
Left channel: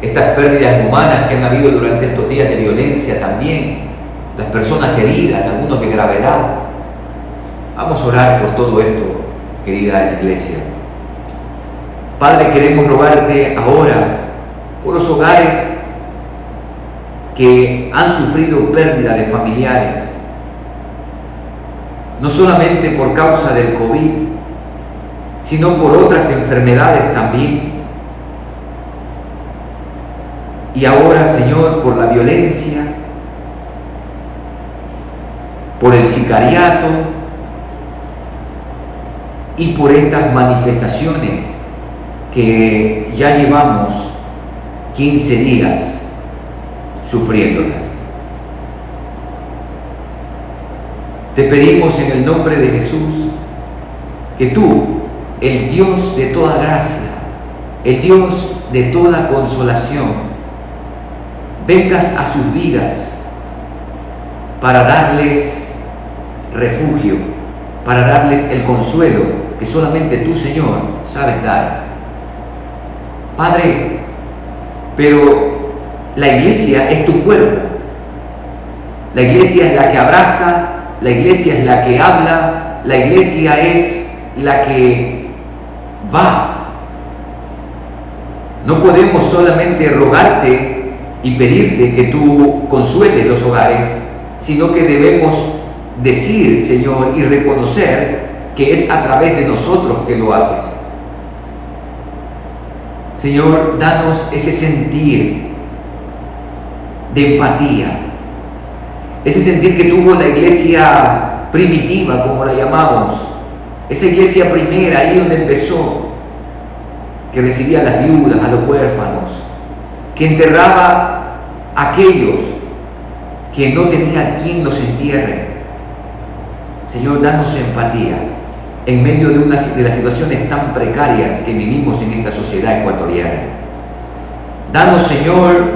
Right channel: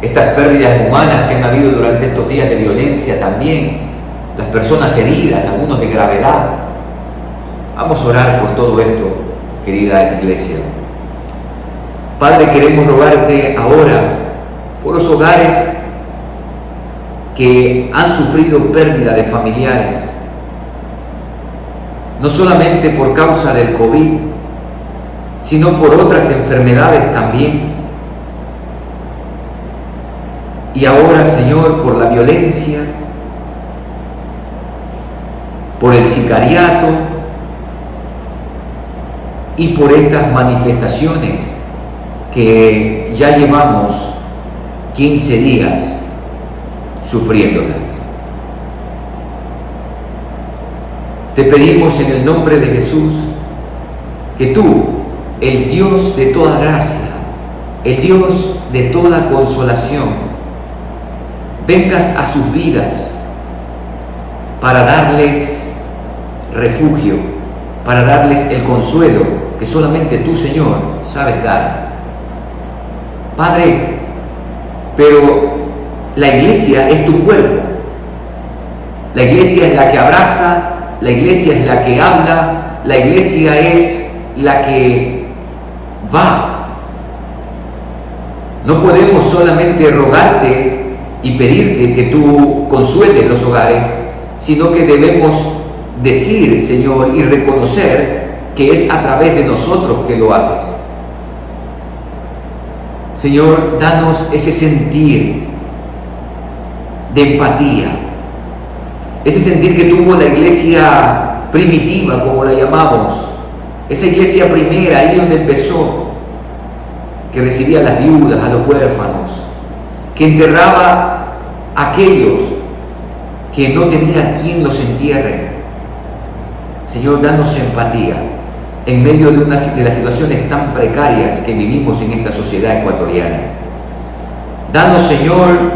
Estas pérdidas humanas que han habido durante estos días de violencia también, las personas heridas, algunos de gravedad. Vamos a orar por todo esto, querida iglesia. Padre, queremos rogarte ahora por los hogares que han sufrido pérdida de familiares, no solamente por causa del COVID, sino por otras enfermedades también. Y ahora, Señor, por la violencia, por el sicariato y por estas manifestaciones que ya llevamos 15 días sufriéndolas. Te pedimos en el nombre de Jesús que tú, el Dios de toda gracia, el Dios de toda consolación, vengas a sus vidas para darles refugio, para darles el consuelo que solamente tú, Señor, sabes dar. Padre, pero la iglesia es tu cuerpo. La iglesia es la que abraza, la iglesia es la que habla, la iglesia es la que va. No podemos solamente rogarte y pedirte que tú consueles los hogares, sino que debemos decir, Señor, y reconocer que es a través de nosotros que lo haces. Señor, danos ese sentir de empatía, ese sentir que tuvo la iglesia primitiva, como la llamamos, esa iglesia primera, ahí donde empezó, que recibía a las viudas, a los huérfanos, que enterraba a aquellos que no tenía quien los entierre. Señor, danos empatía en medio de las situaciones tan precarias que vivimos en esta sociedad ecuatoriana. Danos, Señor,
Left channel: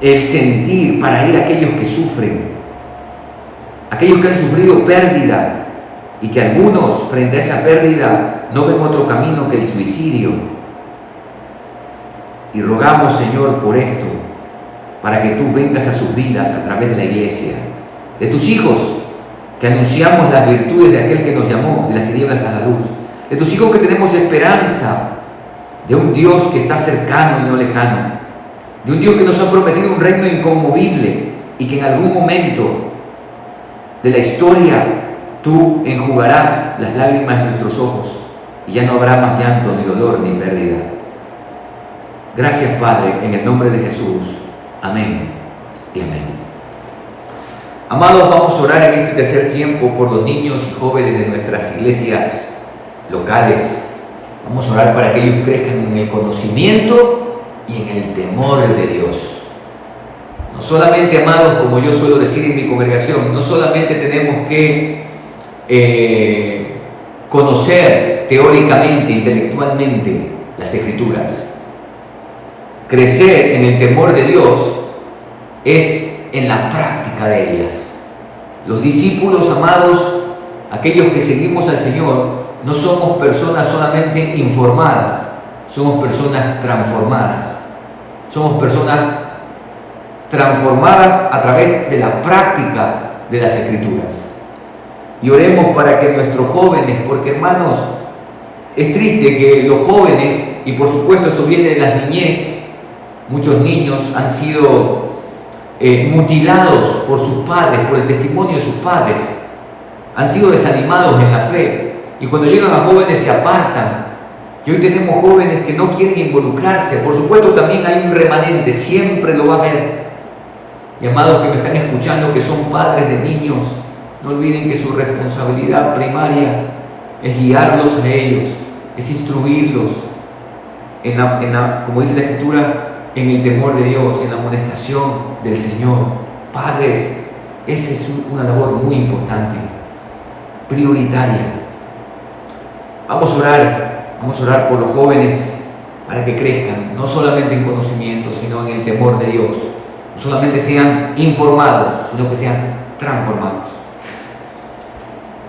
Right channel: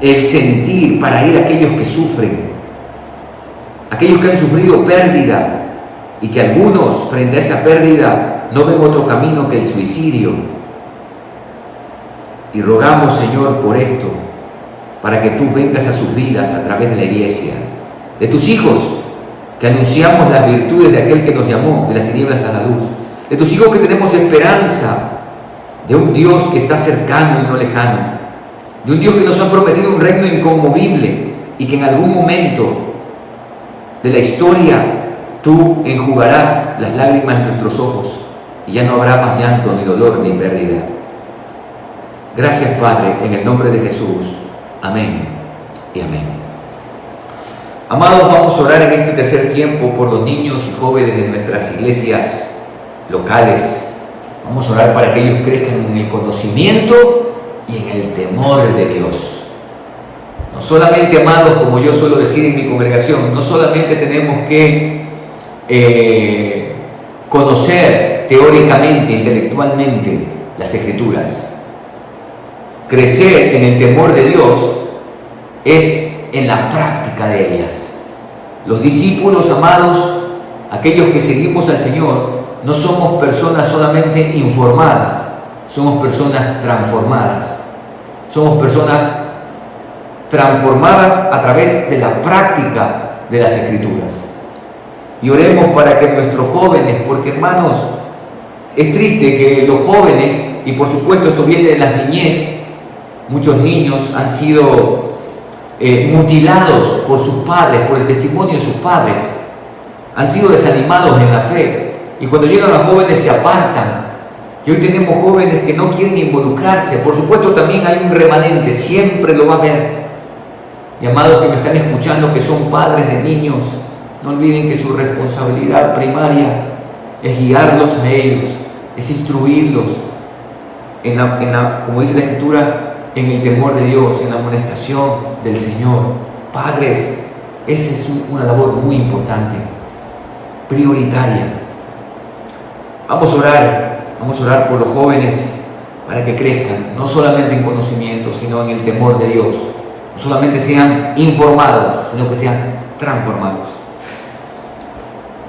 el sentir para ir a aquellos que sufren, aquellos que han sufrido pérdida y que algunos, frente a esa pérdida, no ven otro camino que el suicidio. Y rogamos, Señor, por esto, para que tú vengas a sus vidas a través de la iglesia, de tus hijos, que anunciamos las virtudes de aquel que nos llamó de las tinieblas a la luz, de tus hijos que tenemos esperanza de un Dios que está cercano y no lejano, de un Dios que nos ha prometido un reino inconmovible y que en algún momento de la historia tú enjugarás las lágrimas de nuestros ojos y ya no habrá más llanto, ni dolor, ni pérdida. Gracias, Padre, en el nombre de Jesús. Amén y amén. Amados, vamos a orar en este tercer tiempo por los niños y jóvenes de nuestras iglesias locales. Vamos a orar para que ellos crezcan en el conocimiento y en el temor de Dios. No solamente, amados, como yo suelo decir en mi congregación, no solamente tenemos que conocer teóricamente, intelectualmente las Escrituras. Crecer en el temor de Dios es en la práctica de ellas. Los discípulos, amados, aquellos que seguimos al Señor, no somos personas solamente informadas, somos personas transformadas. Somos personas transformadas a través de la práctica de las Escrituras. Y oremos para que nuestros jóvenes, porque, hermanos, es triste que los jóvenes, y por supuesto esto viene de las niñez, muchos niños han sido mutilados por sus padres, por el testimonio de sus padres, han sido desanimados en la fe, y cuando llegan a jóvenes se apartan. Y hoy tenemos jóvenes que no quieren involucrarse. Por supuesto también hay un remanente, siempre lo va a haber. Y amados que me están escuchando, que son padres de niños, no olviden que su responsabilidad primaria es guiarlos a ellos, es instruirlos como dice la Escritura, en el temor de Dios, en la amonestación del Señor. Padres, esa es una labor muy importante, prioritaria. Vamos a orar por los jóvenes para que crezcan, no solamente en conocimiento, sino en el temor de Dios. No solamente sean informados, sino que sean transformados.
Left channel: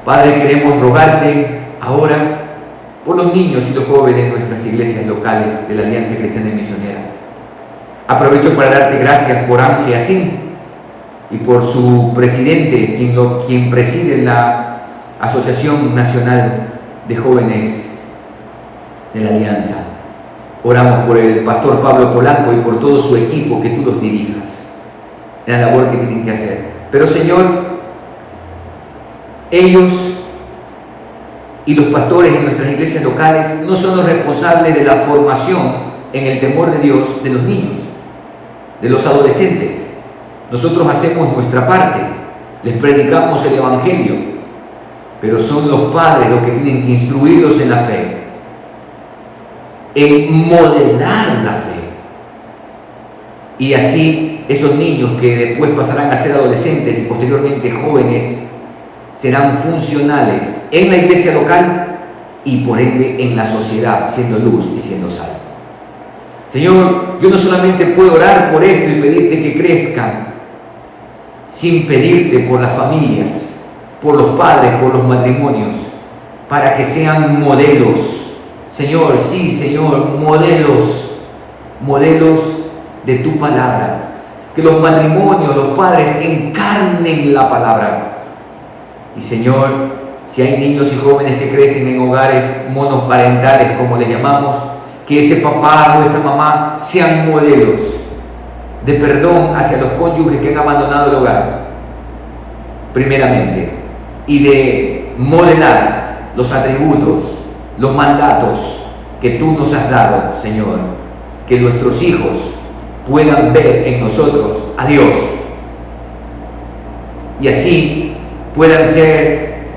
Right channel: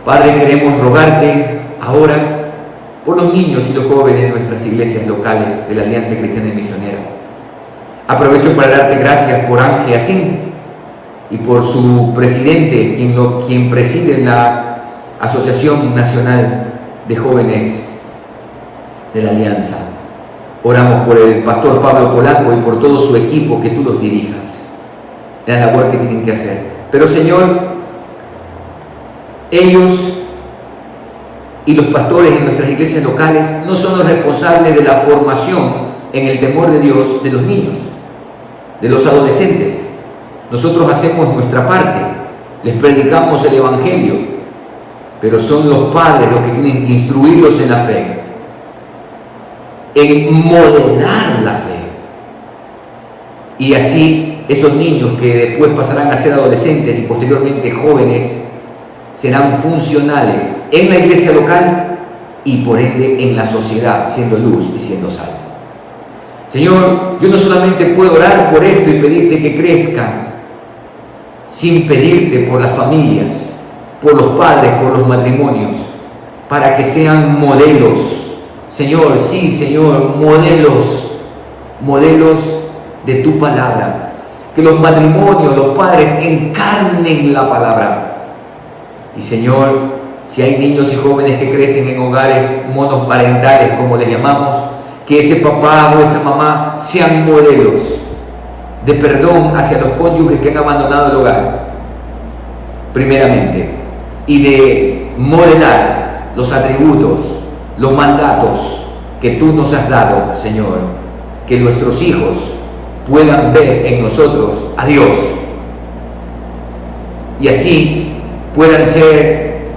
Padre, queremos rogarte ahora por los niños y los jóvenes de nuestras iglesias locales de la Alianza Cristiana y Misionera. Aprovecho para darte gracias por Ángel Asín y por su presidente, quien preside la Asociación Nacional de Jóvenes de la Alianza. Oramos por el pastor Pablo Polanco y por todo su equipo, que tú los dirijas en la labor que tienen que hacer. Pero, Señor, ellos y los pastores en nuestras iglesias locales no son los responsables de la formación en el temor de Dios de los niños, de los adolescentes. Nosotros hacemos nuestra parte, les predicamos el Evangelio, pero son los padres los que tienen que instruirlos en la fe, en modelar la fe. Y así esos niños que después pasarán a ser adolescentes y posteriormente jóvenes serán funcionales en la iglesia local y por ende en la sociedad, siendo luz y siendo sal. Señor, yo no solamente puedo orar por esto y pedirte que crezcan, sin pedirte por las familias, por los padres, por los matrimonios, para que sean modelos. Señor, sí, Señor, modelos de tu palabra. Que los matrimonios, los padres encarnen la palabra. Y, Señor, si hay niños y jóvenes que crecen en hogares monoparentales, como les llamamos, que ese papá o esa mamá sean modelos de perdón hacia los cónyuges que han abandonado el hogar, primeramente, y de modelar los atributos, los mandatos que tú nos has dado, Señor, que nuestros hijos puedan ver en nosotros a Dios y así puedan ser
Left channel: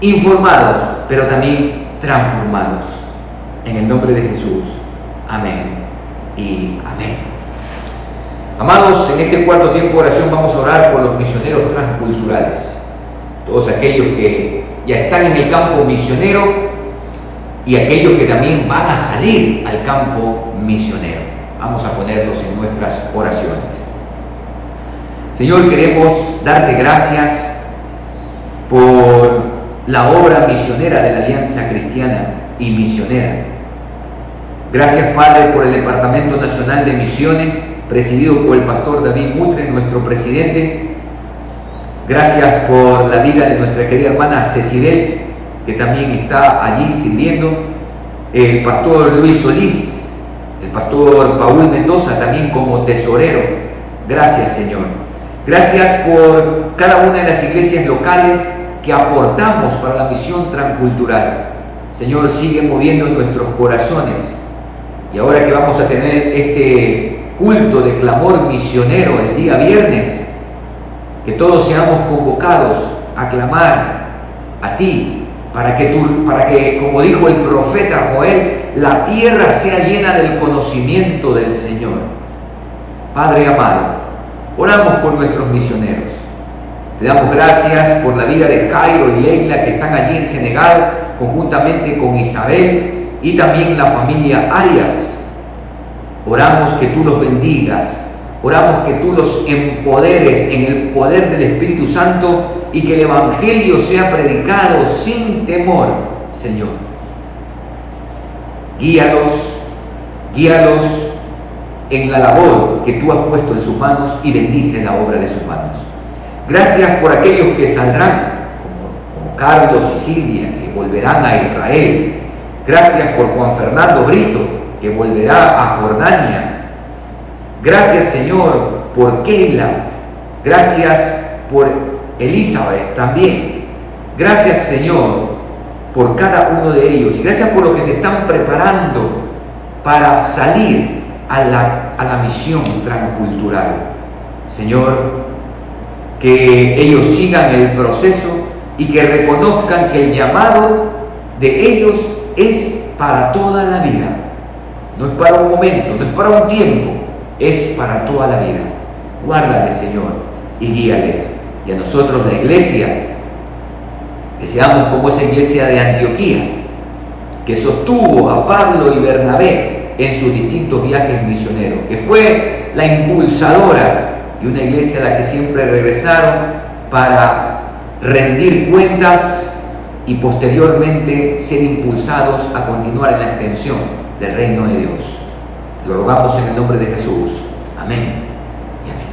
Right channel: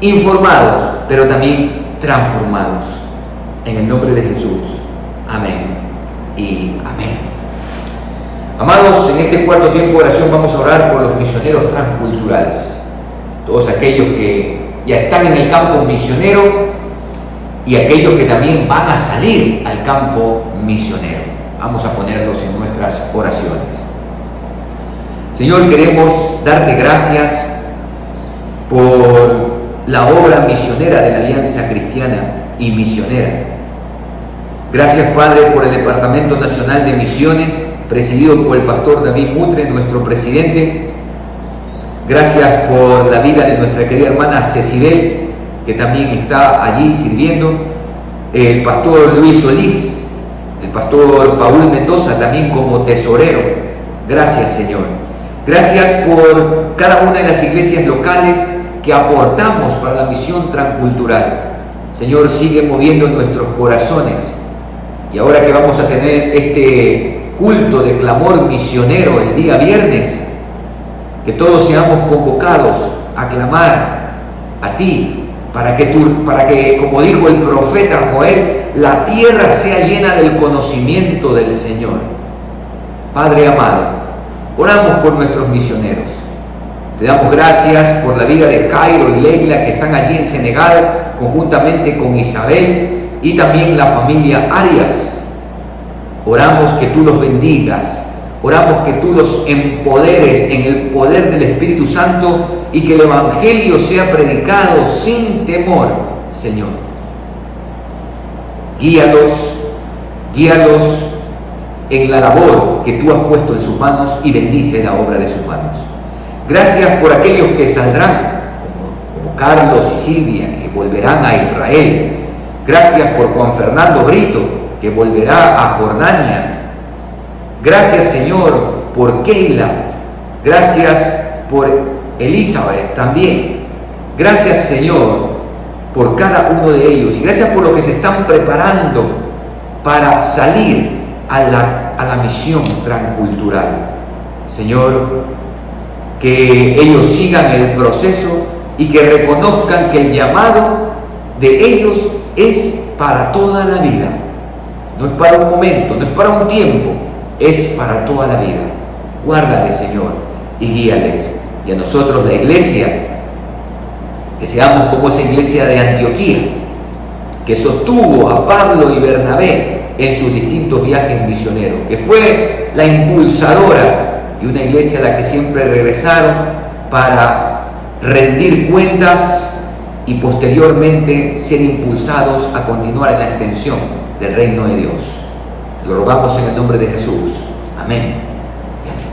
informados, pero también transformados. En el nombre de Jesús. Amén y amén. Amados, en este cuarto tiempo de oración vamos a orar por los misioneros transculturales, todos aquellos que ya están en el campo misionero y aquellos que también van a salir al campo misionero. Vamos a ponerlos en nuestras oraciones. Señor, queremos darte gracias por la obra misionera de la Alianza Cristiana y Misionera. Gracias, Padre, por el Departamento Nacional de Misiones, presidido por el pastor David Mutre, nuestro presidente. Gracias por la vida de nuestra querida hermana Cecibel, que también está allí sirviendo. El pastor Luis Solís, el pastor Paul Mendoza, también como tesorero. Gracias, Señor. Gracias por cada una de las iglesias locales que aportamos para la misión transcultural. Señor, sigue moviendo nuestros corazones. Y ahora que vamos a tener este culto de clamor misionero el día viernes, que todos seamos convocados a clamar a ti, para que, como dijo el profeta Joel, la tierra sea llena del conocimiento del Señor. Padre amado, oramos por nuestros misioneros. Te damos gracias por la vida de Jairo y Leila, que están allí en Senegal, conjuntamente con Isabel y también la familia Arias. Oramos que tú los bendigas, oramos que tú los empoderes en el poder del Espíritu Santo y que el Evangelio sea predicado sin temor, Señor. Guíalos en la labor que tú has puesto en sus manos y bendice la obra de sus manos. Gracias por aquellos que saldrán, como Carlos y Silvia, que volverán a Israel. Gracias por Juan Fernando Brito, que volverá a Jordania. Gracias, Señor, por Keila. Gracias por Elizabeth también. Gracias, Señor, por cada uno de ellos. Y gracias por los que se están preparando para salir a la misión transcultural. Señor, que ellos sigan el proceso y que reconozcan que el llamado de ellos es para toda la vida. No es para un momento, no es para un tiempo, es para toda la vida. Guárdales, Señor, y guíales. Y a nosotros, la iglesia, que seamos como esa iglesia de Antioquía, que sostuvo a Pablo y Bernabé en sus distintos viajes misioneros, que fue la impulsadora y una iglesia a la que siempre regresaron para rendir cuentas y posteriormente ser impulsados a continuar en la extensión del reino de Dios. Lo rogamos en el nombre de Jesús. Amén y amén.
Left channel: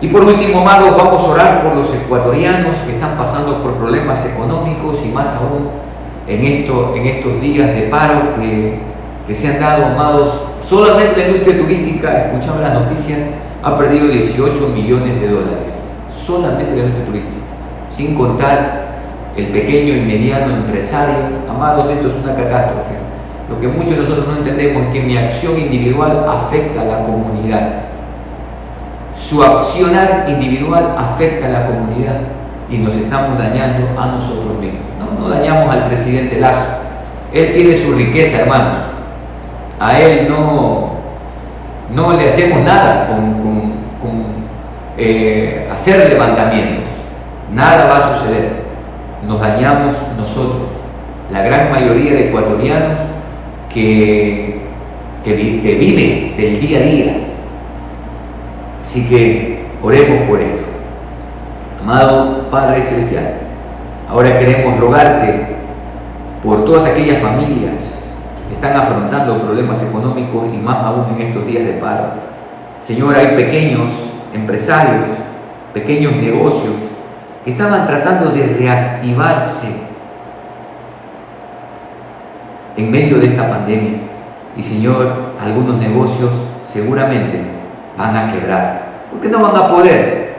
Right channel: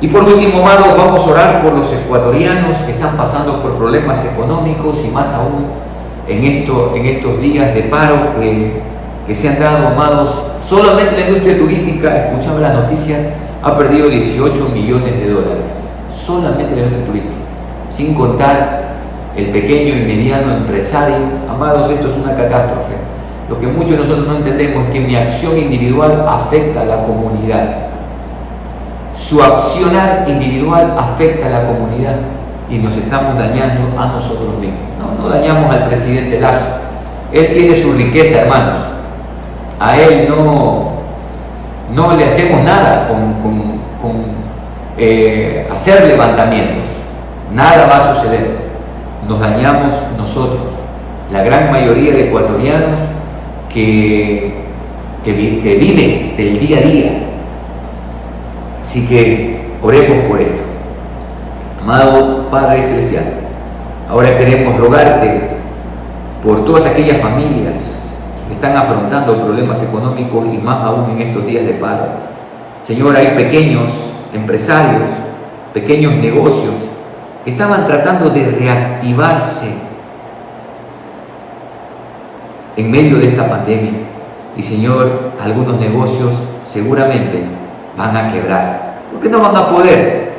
Y por último, amados, vamos a orar por los ecuatorianos que están pasando por problemas económicos y más aún en estos días de paro que se han dado, amados. Solamente la industria turística, escuchando las noticias, ha perdido 18 millones de dólares. Solamente la industria turística, sin contar el pequeño y mediano empresario. Amados, esto es una catástrofe. Lo que muchos de nosotros no entendemos es que mi acción individual afecta a la comunidad. Su accionar individual afecta a la comunidad y nos estamos dañando a nosotros mismos. No dañamos al presidente Lazo. Él tiene su riqueza, hermanos. A él no le hacemos nada con hacer levantamientos. Nada va a suceder. Nos dañamos nosotros, la gran mayoría de ecuatorianos que viven del día a día. Así que oremos por esto. Amado Padre Celestial, ahora queremos rogarte por todas aquellas familias que están afrontando problemas económicos y más aún en estos días de paro. Señor, hay pequeños empresarios, pequeños negocios que estaban tratando de reactivarse en medio de esta pandemia. Y Señor, algunos negocios seguramente van a quebrar, porque no van a poder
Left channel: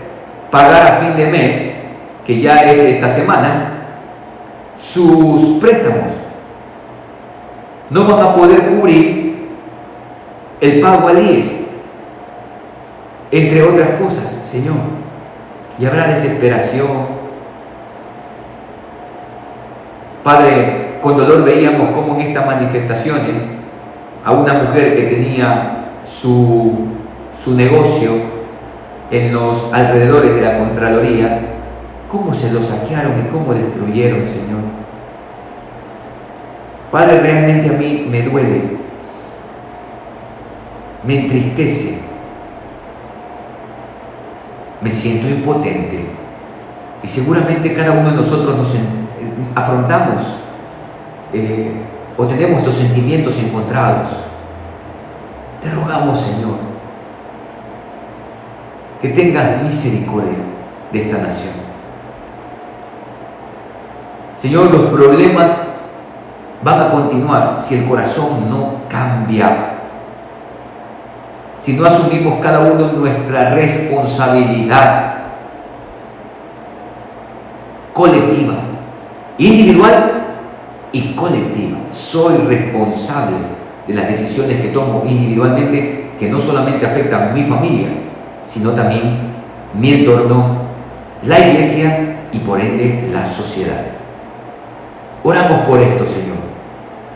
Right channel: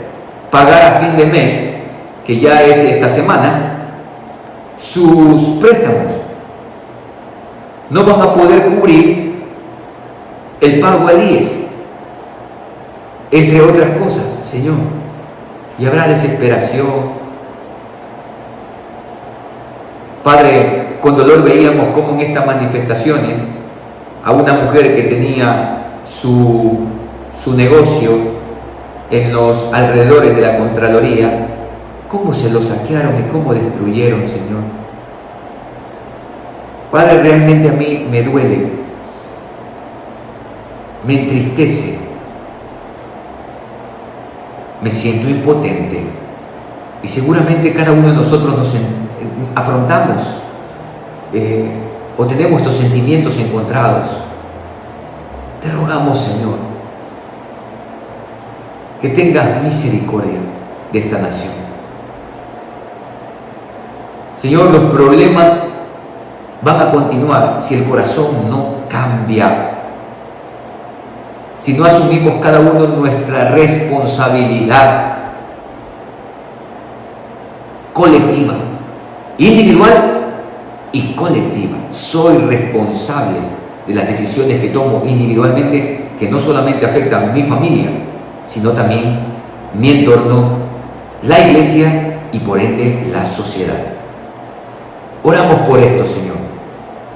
pagar a fin de mes, que ya es esta semana, sus préstamos. No van a poder cubrir el pago al IES, entre otras cosas, Señor. Y habrá desesperación. Padre, con dolor veíamos cómo en estas manifestaciones a una mujer que tenía su su negocio en los alrededores de la Contraloría, cómo se lo saquearon y cómo destruyeron, Señor. Padre, realmente a mí me duele, me entristece, me siento impotente y seguramente cada uno de nosotros nos afrontamos o tenemos estos sentimientos encontrados. Te rogamos, Señor, que tengas misericordia de esta nación. Señor, los problemas van a continuar si el corazón no cambia, si no asumimos cada uno nuestra responsabilidad colectiva, individual y colectiva. Soy responsable de las decisiones que tomo individualmente, que no solamente afectan a mi familia, sino también mi entorno, la iglesia y por ende la sociedad. Oramos por esto, Señor.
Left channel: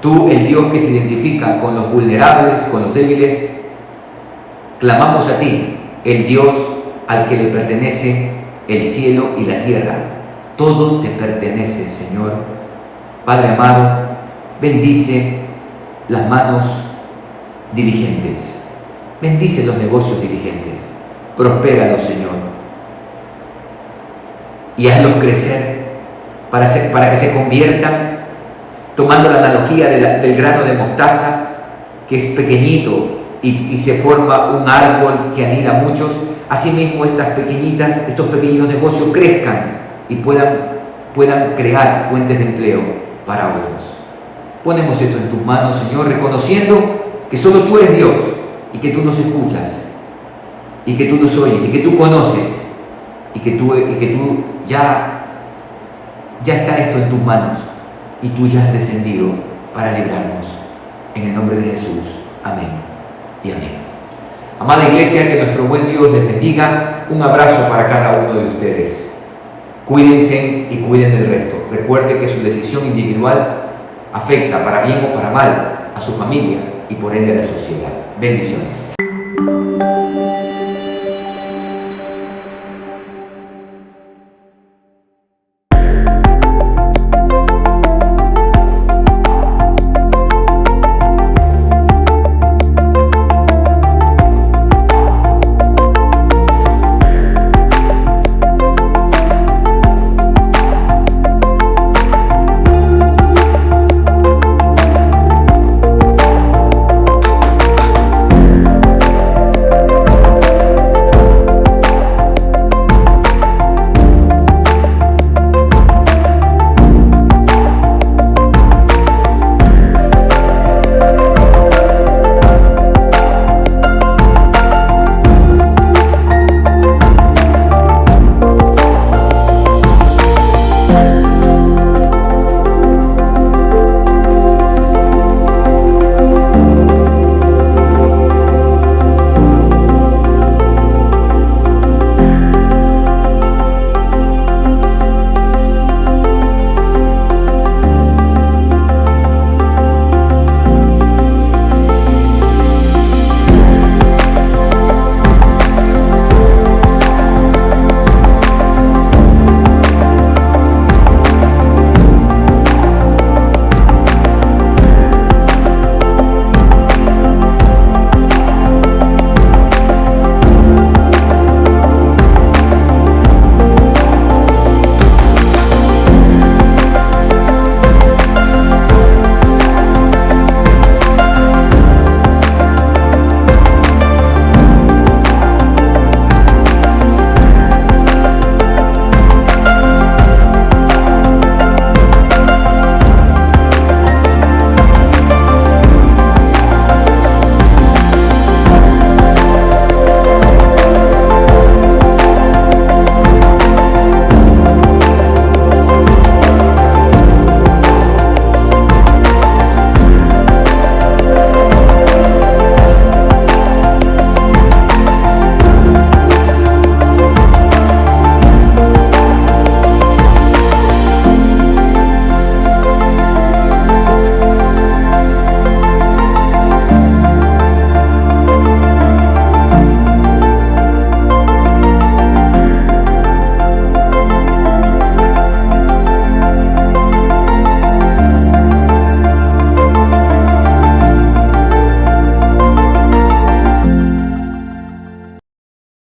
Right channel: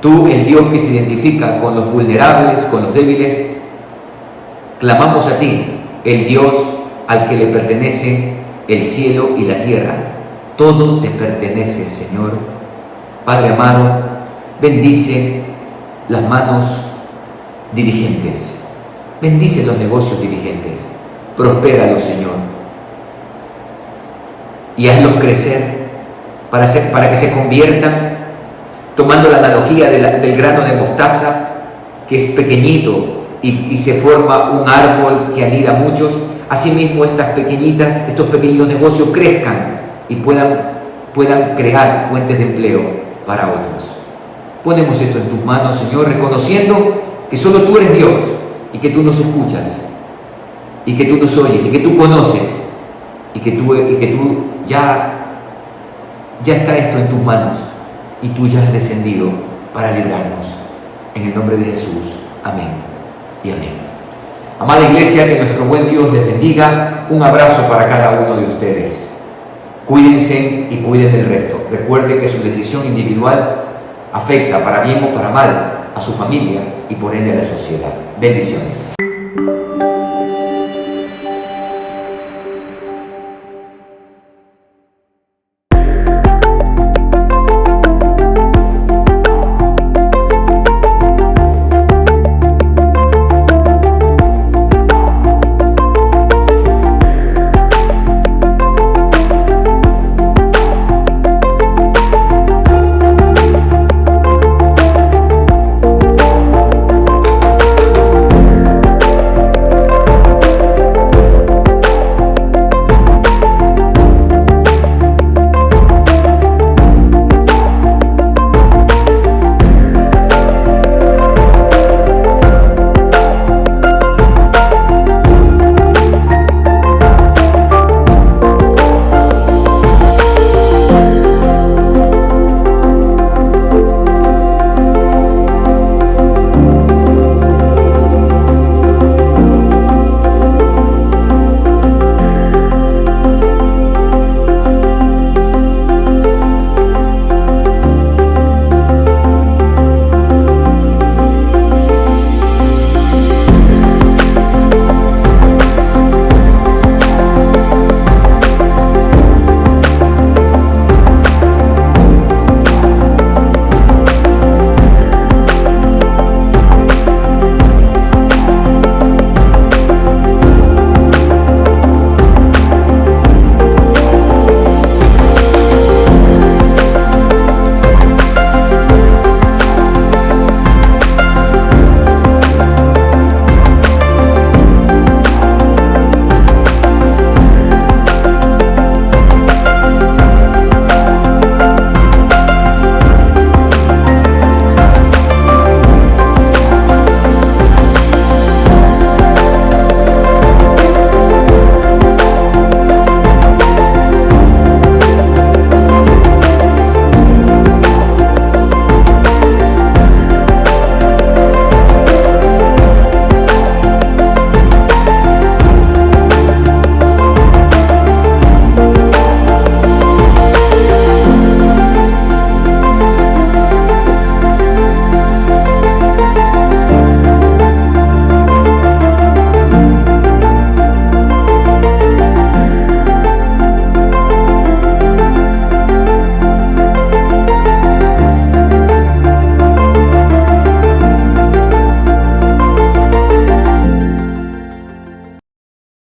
Tú, el Dios que se identifica con los vulnerables, con los débiles, clamamos a ti, el Dios al que le pertenece el cielo y la tierra. Todo te pertenece, Señor. Padre amado, bendice las manos dirigentes, bendice los negocios dirigentes, prospéralos, Señor, y hazlos crecer para que se conviertan, tomando la analogía del grano de mostaza, que es pequeñito y se forma un árbol que anida a muchos. Asimismo, estos pequeños negocios crezcan y puedan crear fuentes de empleo para otros. Ponemos esto en tus manos, Señor, reconociendo que solo tú eres Dios y que tú nos escuchas y que tú nos oyes y que tú conoces y que tú ya está esto en tus manos y tú ya has descendido para librarnos. En el nombre de Jesús. Amén y amén. Amada iglesia, que nuestro buen Dios les bendiga. Un abrazo para cada uno de ustedes. Cuídense y cuiden del resto. Recuerde que su decisión individual afecta para bien o para mal a su familia y por ende a la sociedad. Bendiciones.